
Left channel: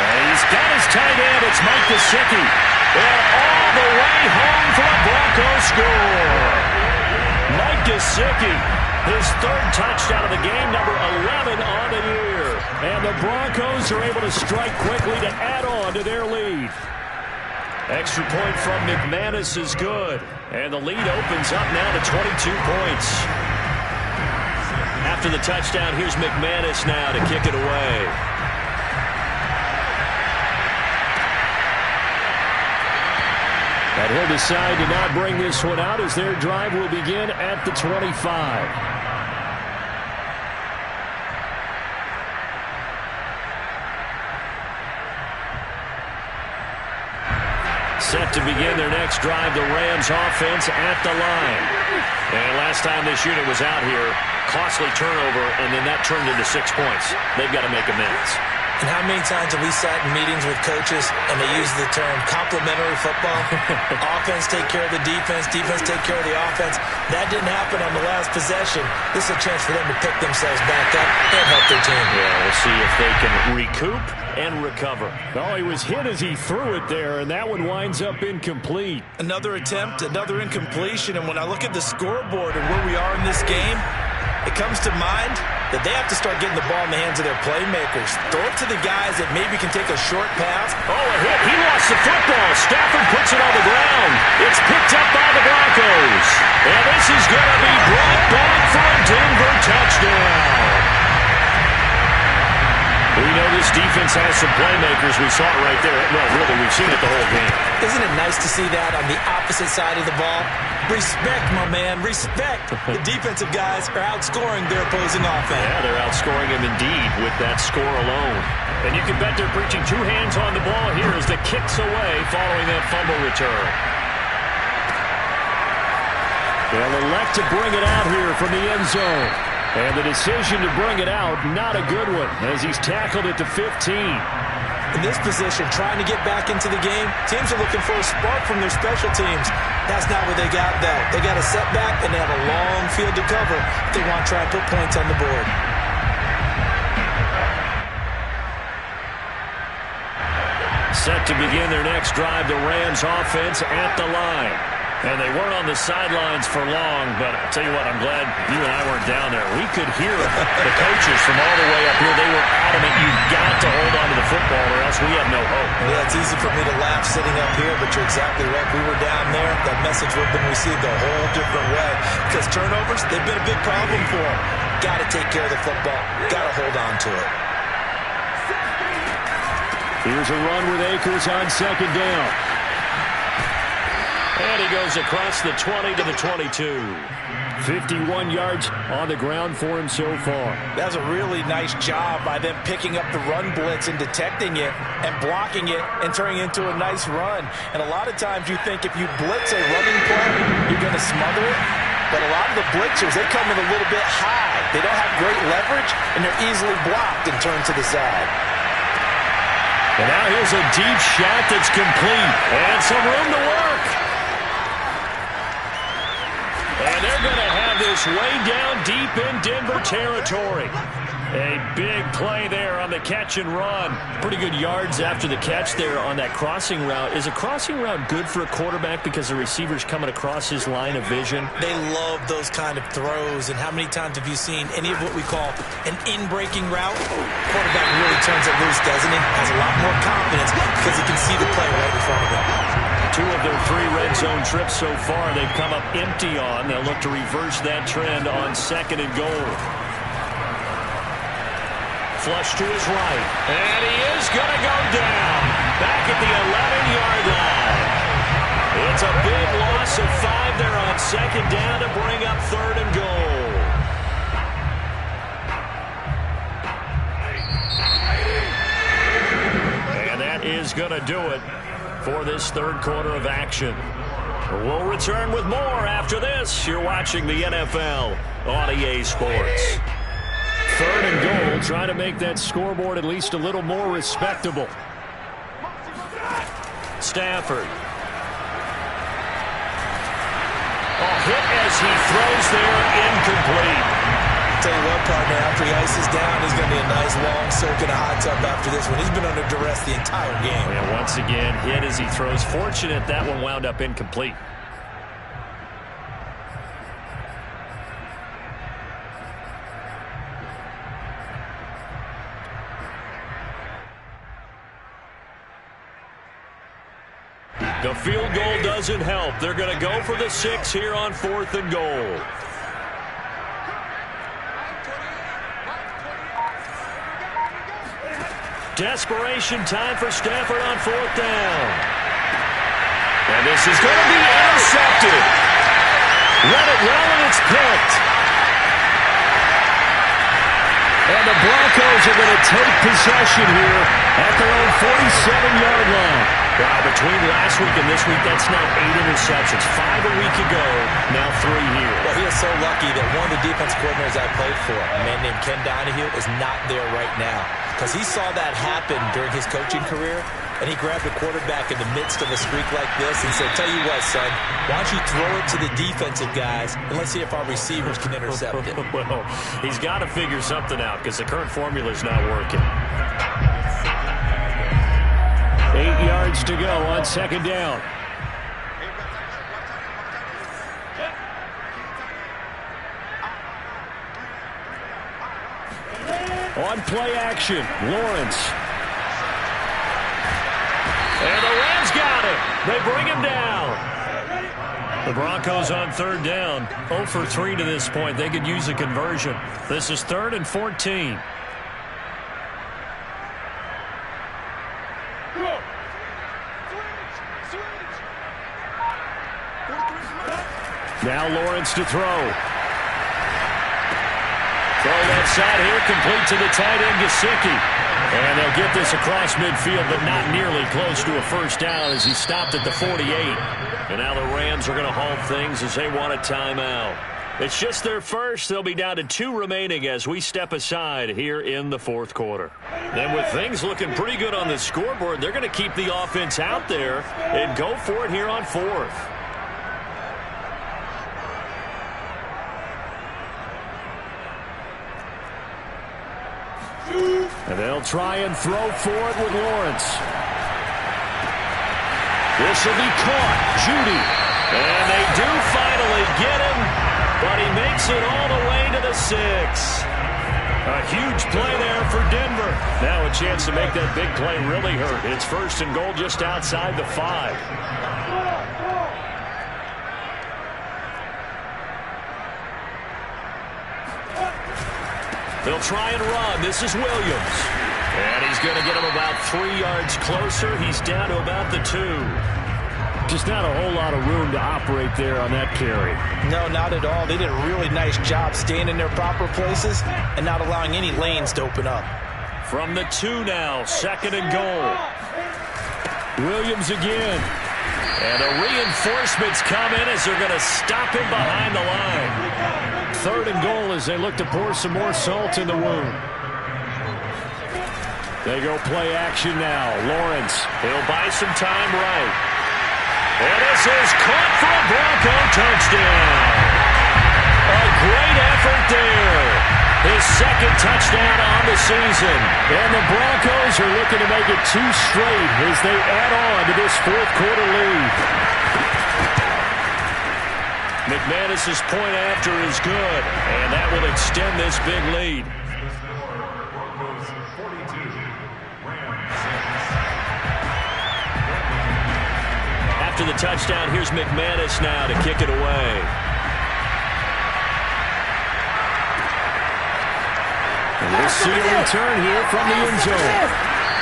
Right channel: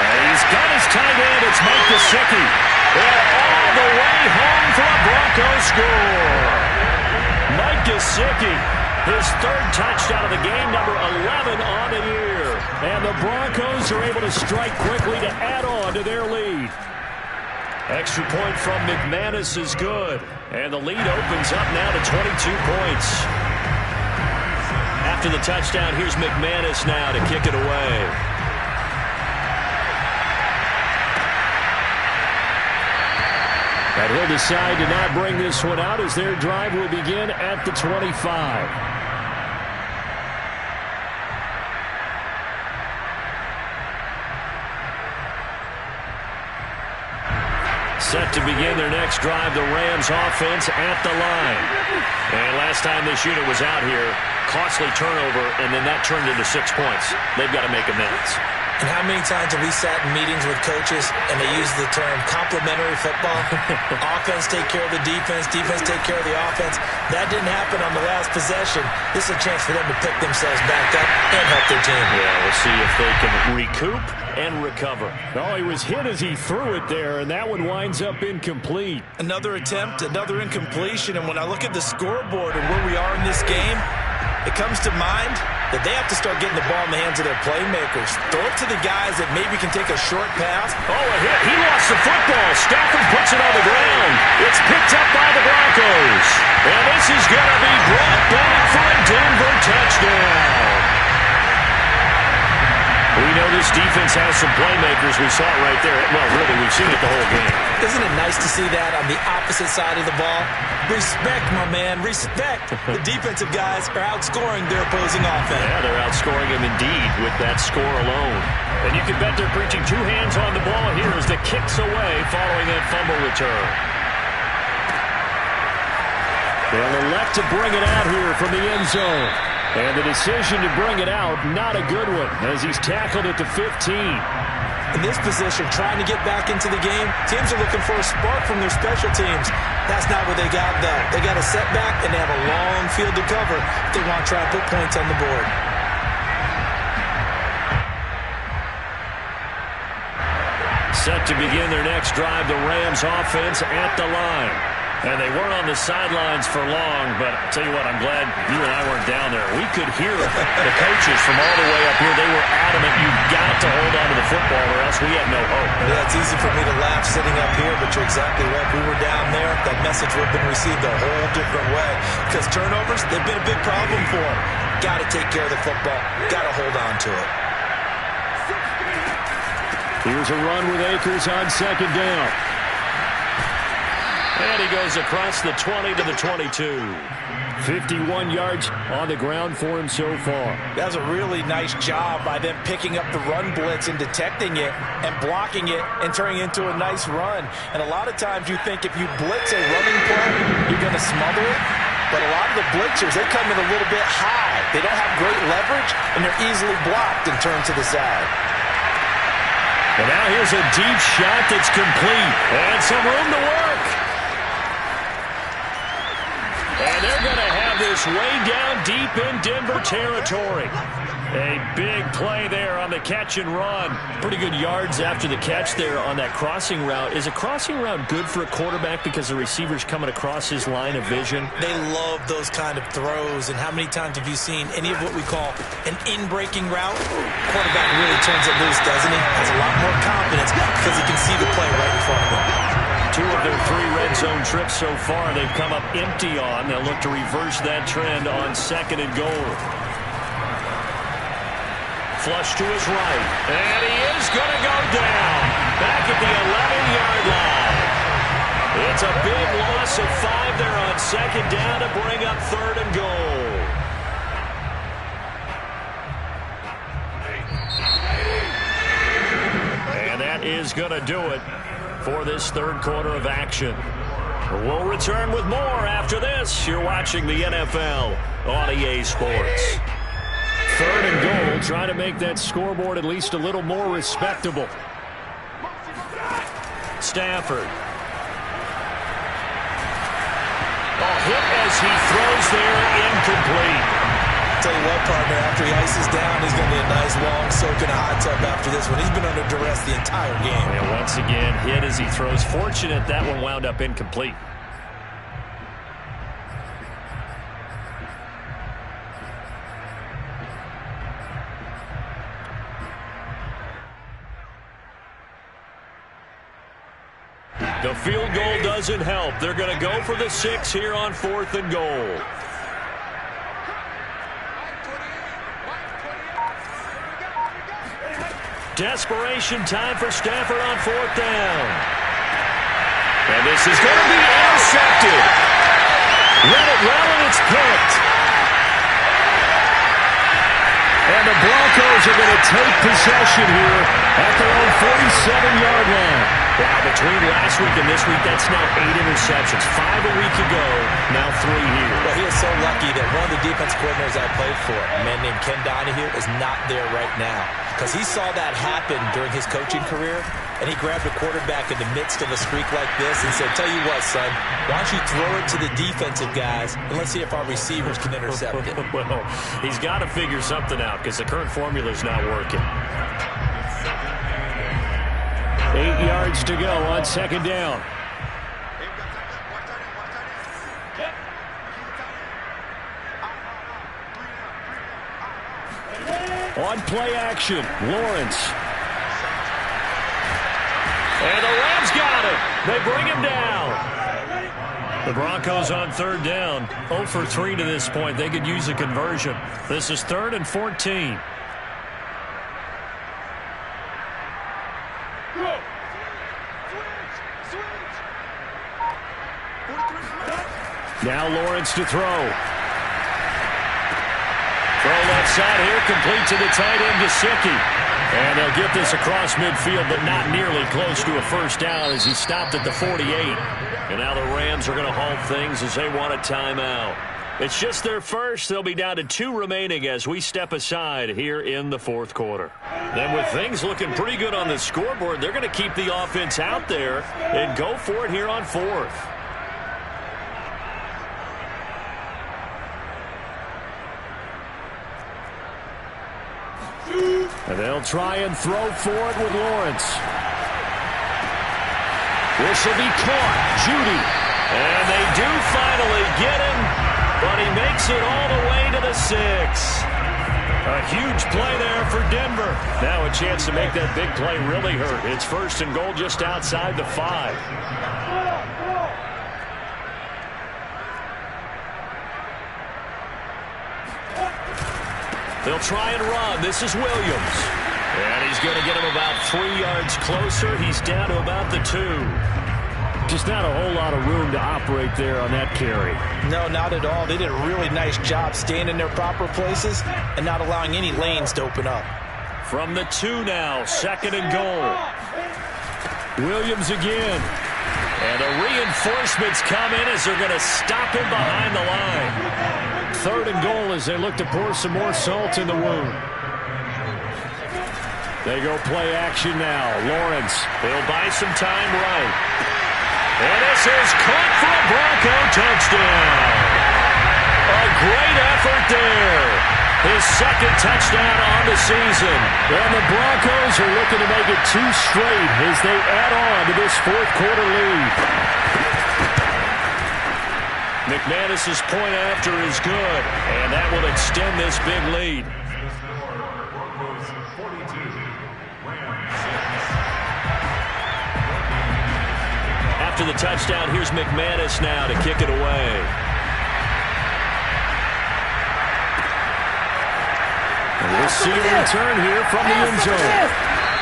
He's got his tight end. It's Mike Gesicki. And all the way home for a Broncos score. Mike Gesicki. His third touchdown of the game, number 11 on the year. And the Broncos are able to strike quickly to add on to their lead. Extra point from McManus is good. And the lead opens up now to 22 points. After the touchdown, here's McManus now to kick it away. And he'll decide to not bring this one out as their drive will begin at the 25. Set to begin their next drive, the Rams offense at the line. And last time this unit was out here, costly turnover, and then that turned into 6 points. They've got to make amends. And how many times have we sat in meetings with coaches and they use the term complementary football? Offense take care of the defense, defense take care of the offense. That didn't happen on the last possession. This is a chance for them to pick themselves back up and help their team. Yeah, we'll see if they can recoup and recover. Oh, he was hit as he threw it there, and that one winds up incomplete. Another attempt, another incompletion, and when I look at the scoreboard and where we are in this game, it comes to mind that they have to start getting the ball in the hands of their playmakers. Throw it to the guys that maybe can take a short pass. Oh, a hit. He lost the football. Stafford puts it on the ground. It's picked up by the Broncos. And this is going to be brought back for a Denver touchdown. We know this defense has some playmakers. We saw it right there. Well, really, we've seen it the whole game. Isn't it nice to see that on the opposite side of the ball? Respect, my man, respect. The defensive guys are outscoring their opposing offense. Yeah, they're outscoring them indeed with that score alone. And you can bet they're preaching two hands on the ball here as the kick's away following that fumble return. They'll elect to bring it out here from the end zone. And the decision to bring it out, not a good one, as he's tackled at the 15. In this position, trying to get back into the game, teams are looking for a spark from their special teams. That's not what they got, though. They got a setback, and they have a long field to cover if they want to try and put points on the board. Set to begin their next drive, the Rams offense at the line. And they weren't on the sidelines for long, but I'll tell you what, I'm glad you and I weren't down there. We could hear the coaches from all the way up here. They were adamant, you've got to hold on to the football or else we have no hope. Yeah, it's easy for me to laugh sitting up here, but you're exactly right. If we were down there, that message would have been received a whole different way. Because turnovers, they've been a big problem for them. Got to take care of the football. Got to hold on to it. Here's a run with Akers on second down. And he goes across the 20 to the 22. 51 yards on the ground for him so far. That was a really nice job by them picking up the run blitz and detecting it and blocking it and turning it into a nice run. And a lot of times you think if you blitz a running play, you're going to smother it. But a lot of the blitzers, they come in a little bit high. They don't have great leverage, and they're easily blocked and turned to the side. And now here's a deep shot that's complete. And some room to work. And they're going to have this way down deep in Denver territory. A big play there on the catch and run. Pretty good yards after the catch there on that crossing route. Is a crossing route good for a quarterback because the receiver's coming across his line of vision? They love those kind of throws. And how many times have you seen any of what we call an in-breaking route? Quarterback really turns it loose, doesn't he? Has a lot more confidence because he can see the play right in front of him. 2 of their 3 red zone trips so far they've come up empty on. They'll look to reverse that trend on second and goal. Flush to his right. And he is going to go down. Back at the 11-yard line. It's a big loss of 5 there on second down to bring up third and goal. And that is going to do it for this third quarter of action. We'll return with more after this. You're watching the NFL on EA Sports. Third and goal, trying to make that scoreboard at least a little more respectable. Stafford. Hit as he throws there, incomplete. Tell you what, partner, after he ices down, he's going to need a nice long soak in a hot tub after this one. He's been under duress the entire game. And once again, hit as he throws. Fortunate that one wound up incomplete. The field goal doesn't help. They're going to go for the 6 here on 4th and goal. Desperation time for Stafford on 4th down. And this is going to be intercepted. Read it well, and it's picked. And the Broncos are going to take possession here at their own 47-yard line. Wow, between last week and this week, that's now 8 interceptions. 5 a week ago, now 3 here. Well, he is so lucky that one of the defense coordinators I played for, a man named Ken Donahue, is not there right now. Because he saw that happen during his coaching career, and he grabbed a quarterback in the midst of a streak like this and said, tell you what, son, why don't you throw it to the defensive guys, and let's see if our receivers can intercept it. Well, he's got to figure something out because the current formula is not working. 8 yards to go on second down. Hey, we got tight left. Watch tight end. Watch tight end. Check. Keep it tight end. 3 down. 3 down. On play action, Lawrence. And the Rams got him. They bring him down. The Broncos on third down. 0 for 3 to this point. They could use a conversion. This is 3rd and 14. Now Lawrence to throw. Throw left side here, complete to the tight end, Gesicki. And they'll get this across midfield, but not nearly close to a first down as he stopped at the 48. And now the Rams are going to halt things as they want a timeout. It's just their first. They'll be down to 2 remaining as we step aside here in the fourth quarter. Then with things looking pretty good on the scoreboard, they're going to keep the offense out there and go for it here on 4th. And they'll try and throw for it with Lawrence. This will be caught. Judy. And they do finally get him, but he makes it all the way to the 6. A huge play there for Denver. Now a chance to make that big play really hurt. It's 1st and goal just outside the 5. They'll try and run. This is Williams. And he's going to get him about 3 yards closer. He's down to about the 2. Just not a whole lot of room to operate there on that carry. No, not at all. They did a really nice job staying in their proper places and not allowing any lanes to open up. From the 2 now, 2nd and goal. Williams again. And the reinforcements come in as they're going to stop him behind the line. 3rd and goal as they look to pour some more salt in the wound. They go play action now. Lawrence. He'll buy some time right. And this is caught for a Bronco touchdown. A great effort there. His 2nd touchdown on the season. And the Broncos are looking to make it 2 straight as they add on to this 4th quarter lead. McManus's point after is good, and that will extend this big lead. After the touchdown, here's McManus now to kick it away. And we'll see a return here from the end zone.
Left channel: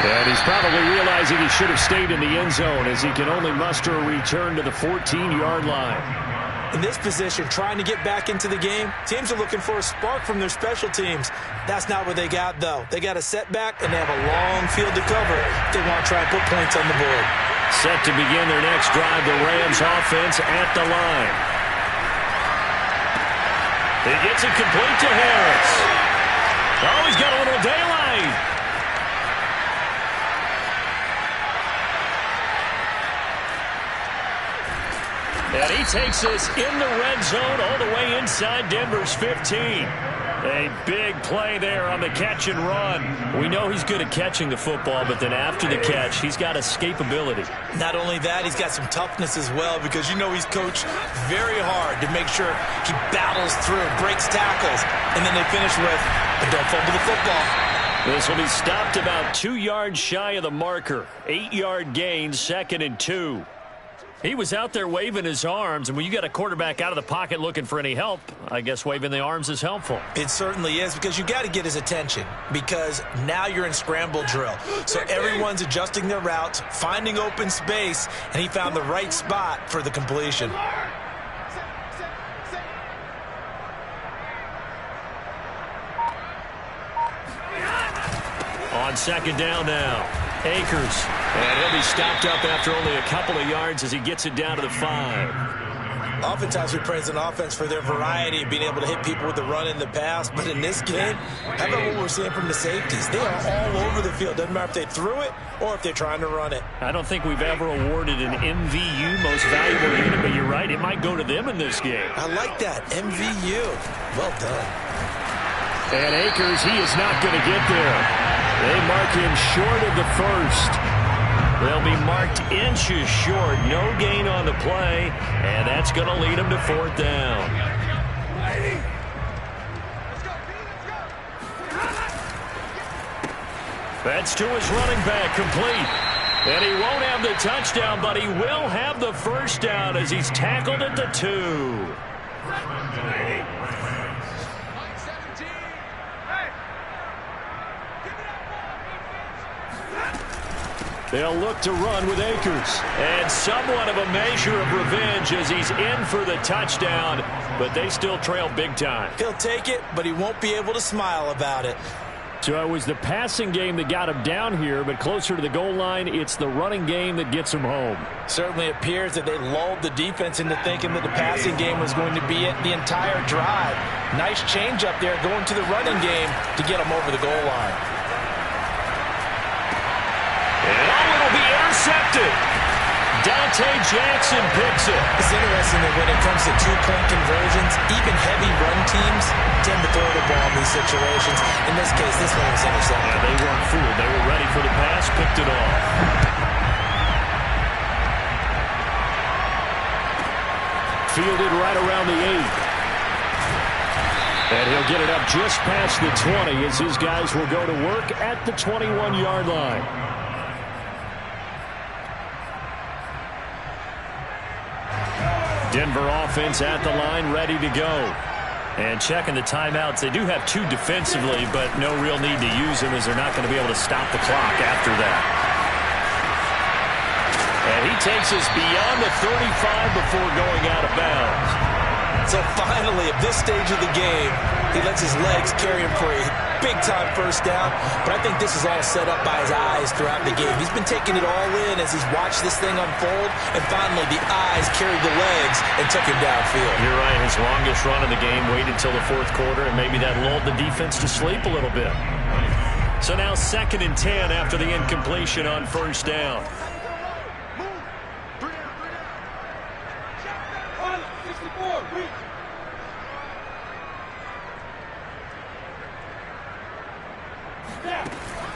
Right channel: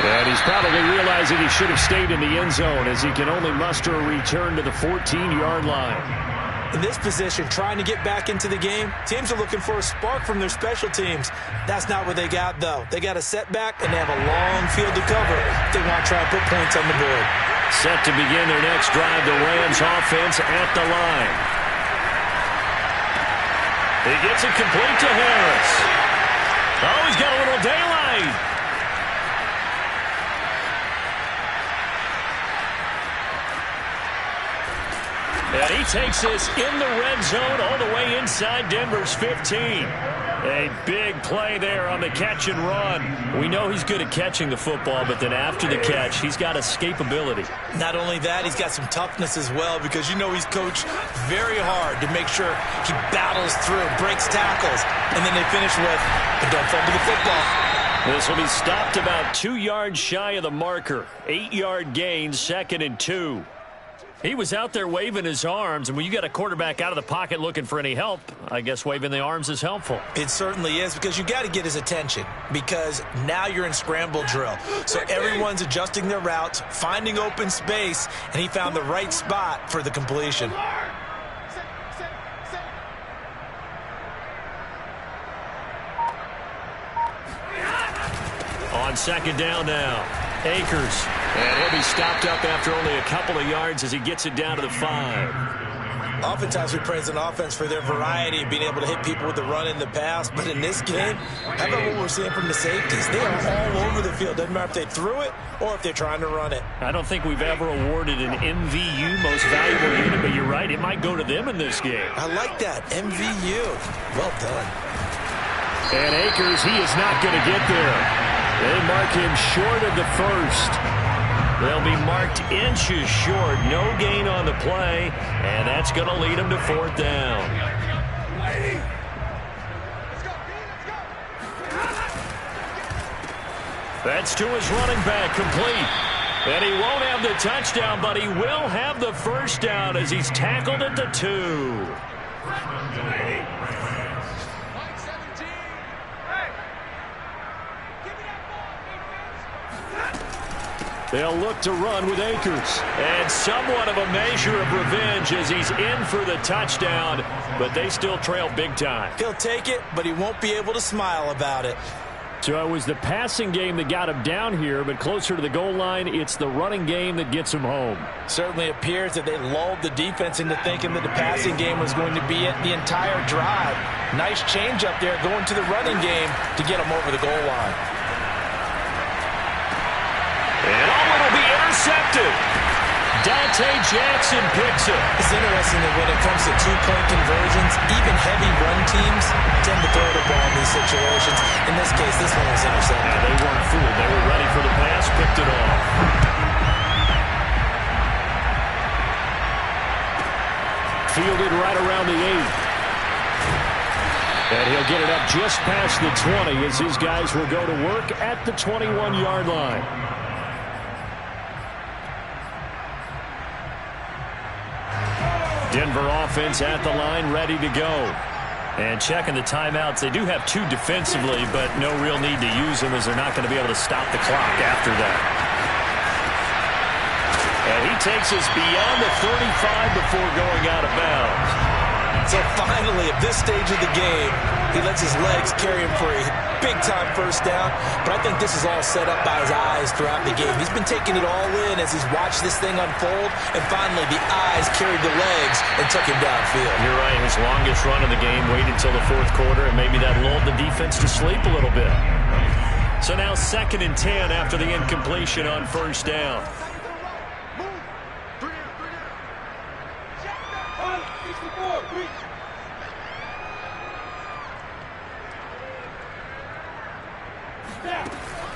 And he's probably realizing he should have stayed in the end zone as he can only muster a return to the 14-yard line. In this position, trying to get back into the game, teams are looking for a spark from their special teams. That's not what they got, though. They got a setback, and they have a long field to cover if they want to try and put points on the board. Set to begin their next drive, the Rams offense at the line. He gets it complete to Harris. Oh, he's got a little daylight. And he takes this in the red zone all the way inside Denver's 15. A big play there on the catch and run. We know he's good at catching the football, but then after the catch, he's got escapability. Not only that, he's got some toughness as well because you know he's coached very hard to make sure he battles through, breaks tackles, and then they finish with, but don't fumble the football. This will be stopped about 2 yards shy of the marker. 8-yard gain, 2nd and 2. He was out there waving his arms, and when you got a quarterback out of the pocket looking for any help, I guess waving the arms is helpful. It certainly is because you got to get his attention because now you're in scramble drill. So everyone's adjusting their routes, finding open space, and he found the right spot for the completion. On second down now, Akers. And he'll be stopped up after only a couple of yards as he gets it down to the 5. Oftentimes we praise an offense for their variety, being able to hit people with the run in the pass. But in this game, how about what we're seeing from the safeties? They are all over the field. Doesn't matter if they threw it or if they're trying to run it. I don't think we've ever awarded an MVU, most valuable unit, but you're right. It might go to them in this game. I like that. MVU. Well done. And Akers, he is not going to get there. They mark him short of the first. They'll be marked inches short. No gain on the play, and that's going to lead them to 4th down. That's to his running back, complete. And he won't have the touchdown, but he will have the first down as he's tackled at the 2. They'll look to run with Akers. And somewhat of a measure of revenge as he's in for the touchdown, but they still trail big time. He'll take it, but he won't be able to smile about it. So it was the passing game that got him down here, but closer to the goal line, it's the running game that gets him home. Certainly appears that they lulled the defense into thinking that the passing game was going to be it the entire drive. Nice change up there going to the running game to get him over the goal line. And it'll be intercepted. Dante Jackson picks it. It's interesting that when it comes to two-point conversions, even heavy run teams tend to throw the ball in these situations. In this case, this one was intercepted. Yeah, they weren't fooled. They were ready for the pass, picked it off. Fielded right around the 8. And he'll get it up just past the 20 as his guys will go to work at the 21-yard line. Denver offense at the line, ready to go. And checking the timeouts. They do have 2 defensively, but no real need to use them as they're not going to be able to stop the clock after that. And he takes us beyond the 35 before going out of bounds. So finally, at this stage of the game, he lets his legs carry him for a big-time first down. But I think this is all set up by his eyes throughout the game. He's been taking it all in as he's watched this thing unfold. And finally, the eyes carried the legs and took him downfield. You're right. His longest run of the game waited until the 4th quarter, and maybe that lulled the defense to sleep a little bit. So now 2nd and 10 after the incompletion on first down.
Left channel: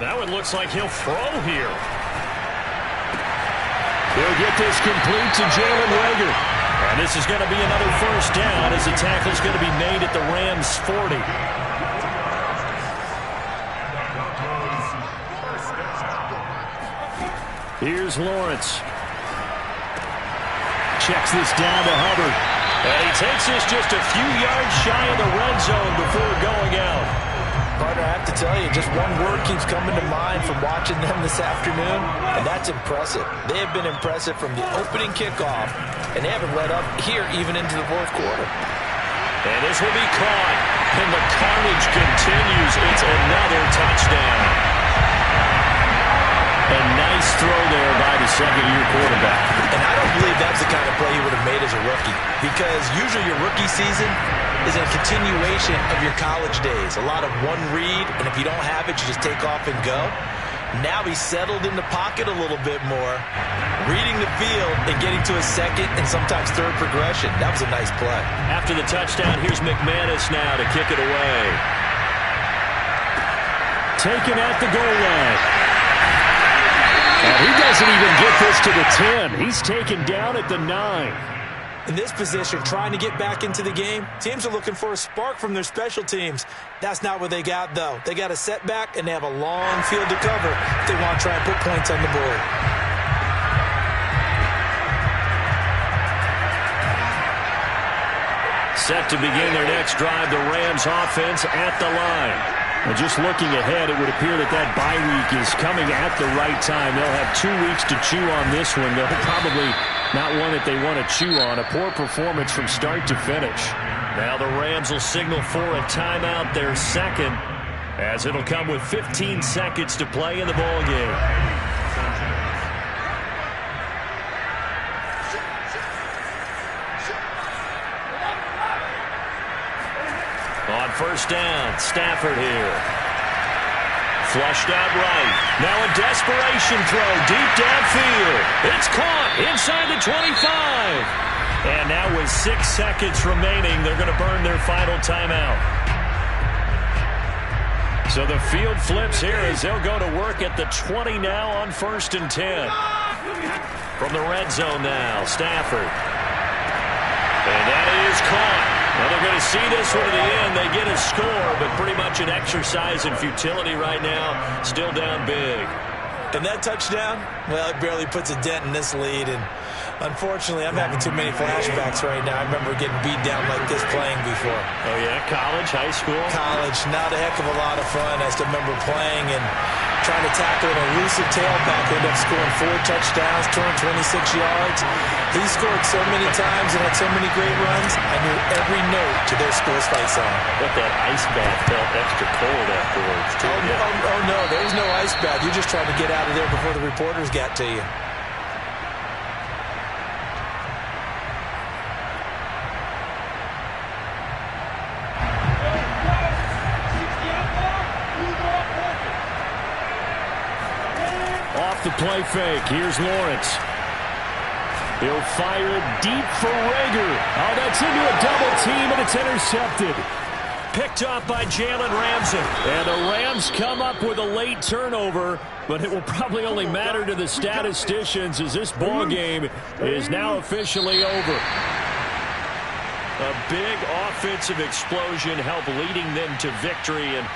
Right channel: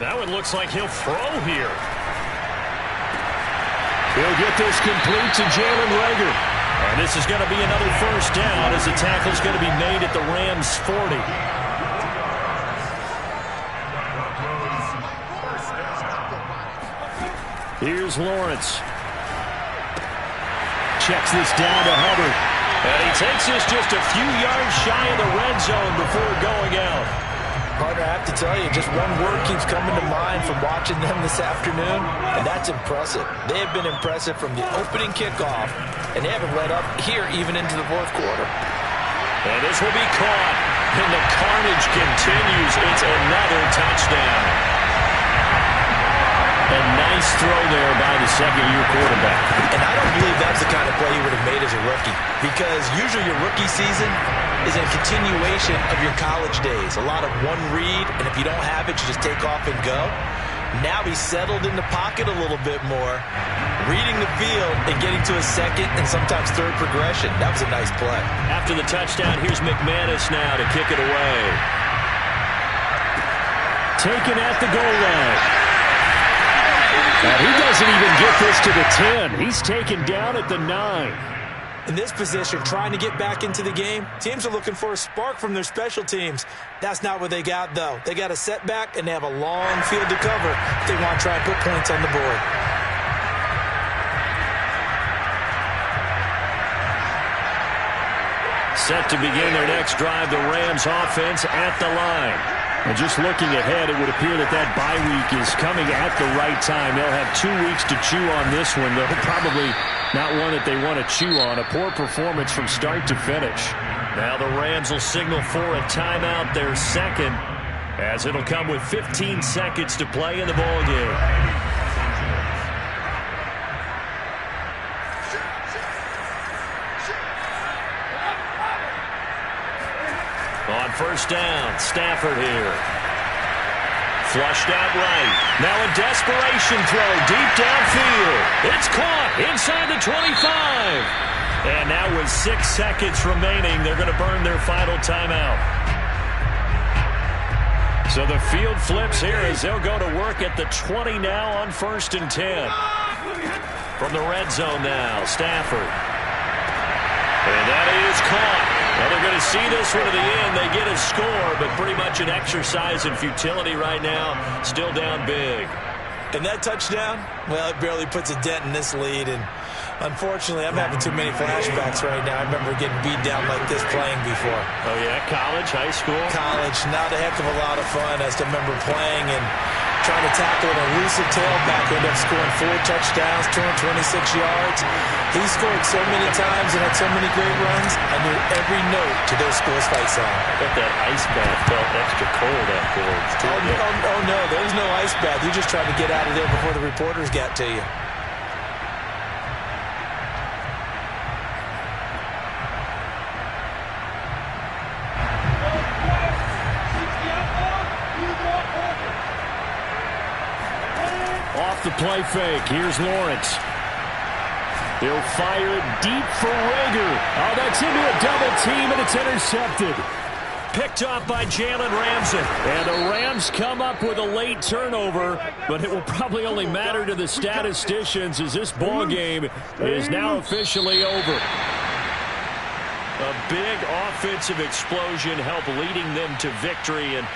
That one looks like he'll throw here. He'll get this complete to Jalen Reagor. And this is going to be another first down as the tackle's going to be made at the Rams' 40. Here's Lawrence. Checks this down to Hubbard. And he takes this just a few yards shy of the red zone before going out. Partner, I have to tell you, just one word keeps coming to mind from watching them this afternoon, and that's impressive. They have been impressive from the opening kickoff, and they haven't let up here even into the 4th quarter. And this will be caught, and the carnage continues. It's another touchdown. A nice throw there by the second-year quarterback. And I don't believe that's the kind of play he would have made as a rookie, because usually your rookie season is a continuation of your college days. A lot of one read, and if you don't have it, you just take off and go. Now he's settled in the pocket a little bit more, reading the field and getting to a second and sometimes third progression. That was a nice play. After the touchdown, here's McManus now to kick it away. Taken at the goal line. And he doesn't even get this to the 10. He's taken down at the 9. In this position, trying to get back into the game, teams are looking for a spark from their special teams. That's not what they got, though. They got a setback, and they have a long field to cover if they want to try and put points on the board. Set to begin their next drive, the Rams offense at the line. And just looking ahead, it would appear that that bye week is coming at the right time. They'll have 2 weeks to chew on this one. They'll probably not one that they want to chew on. A poor performance from start to finish. Now the Rams will signal for a timeout, their second. as it'll come with 15 seconds to play in the ball game. On first down, Stafford here. Flushed out right. Now a desperation throw deep downfield. It's caught inside the 25. And now with 6 seconds remaining, they're going to burn their final timeout. So the field flips here as they'll go to work at the 20 now on 1st and 10. From the red zone now, Stafford. And that is caught. Well, they're going to see this one to the end. They get a score, but pretty much an exercise in futility right now. Still down big. And that touchdown, well, it barely puts a dent in this lead. And unfortunately, I'm having too many flashbacks right now. I remember getting beat down like this playing before. Oh, yeah? College, high school? College. Not a heck of a lot of fun. I still remember playing and trying to tackle an elusive tailback who ended up scoring 4 touchdowns, 226 yards. He scored so many times and had so many great runs, I knew every note to their school's fight song. But that ice bath felt extra cold afterwards, too. Oh, no, there was no ice bath. You just tried to get out of there before the reporters got to you. Off the play fake. Here's Lawrence. He'll fire it deep for Rager. Oh, that's into a double team, and it's intercepted. Picked up by Jalen Ramsey. And the Rams come up with a late turnover, but it will probably only matter to the statisticians as this ball game is now officially over. A big offensive explosion helped leading them to victory, and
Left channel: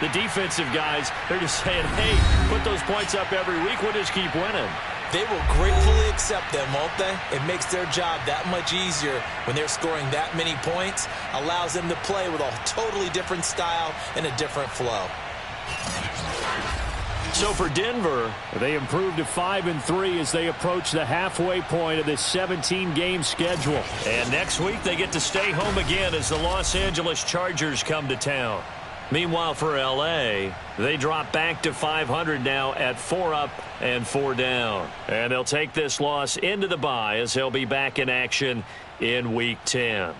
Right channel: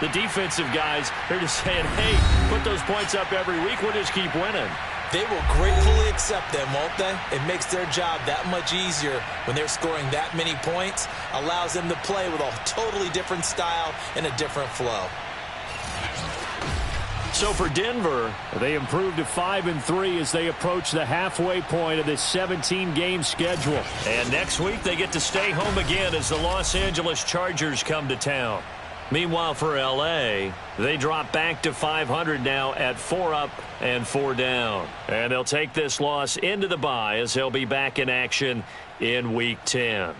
the defensive guys, they're just saying, hey, put those points up every week. We'll just keep winning. They will gratefully accept them, won't they? It makes their job that much easier when they're scoring that many points. Allows them to play with a totally different style and a different flow. So for Denver, they improved to 5-3 as they approach the halfway point of this 17-game schedule. And next week they get to stay home again as the Los Angeles Chargers come to town. Meanwhile, for L.A., they drop back to 500 now at 4 up and 4 down. And they'll take this loss into the bye as they'll be back in action in Week 10.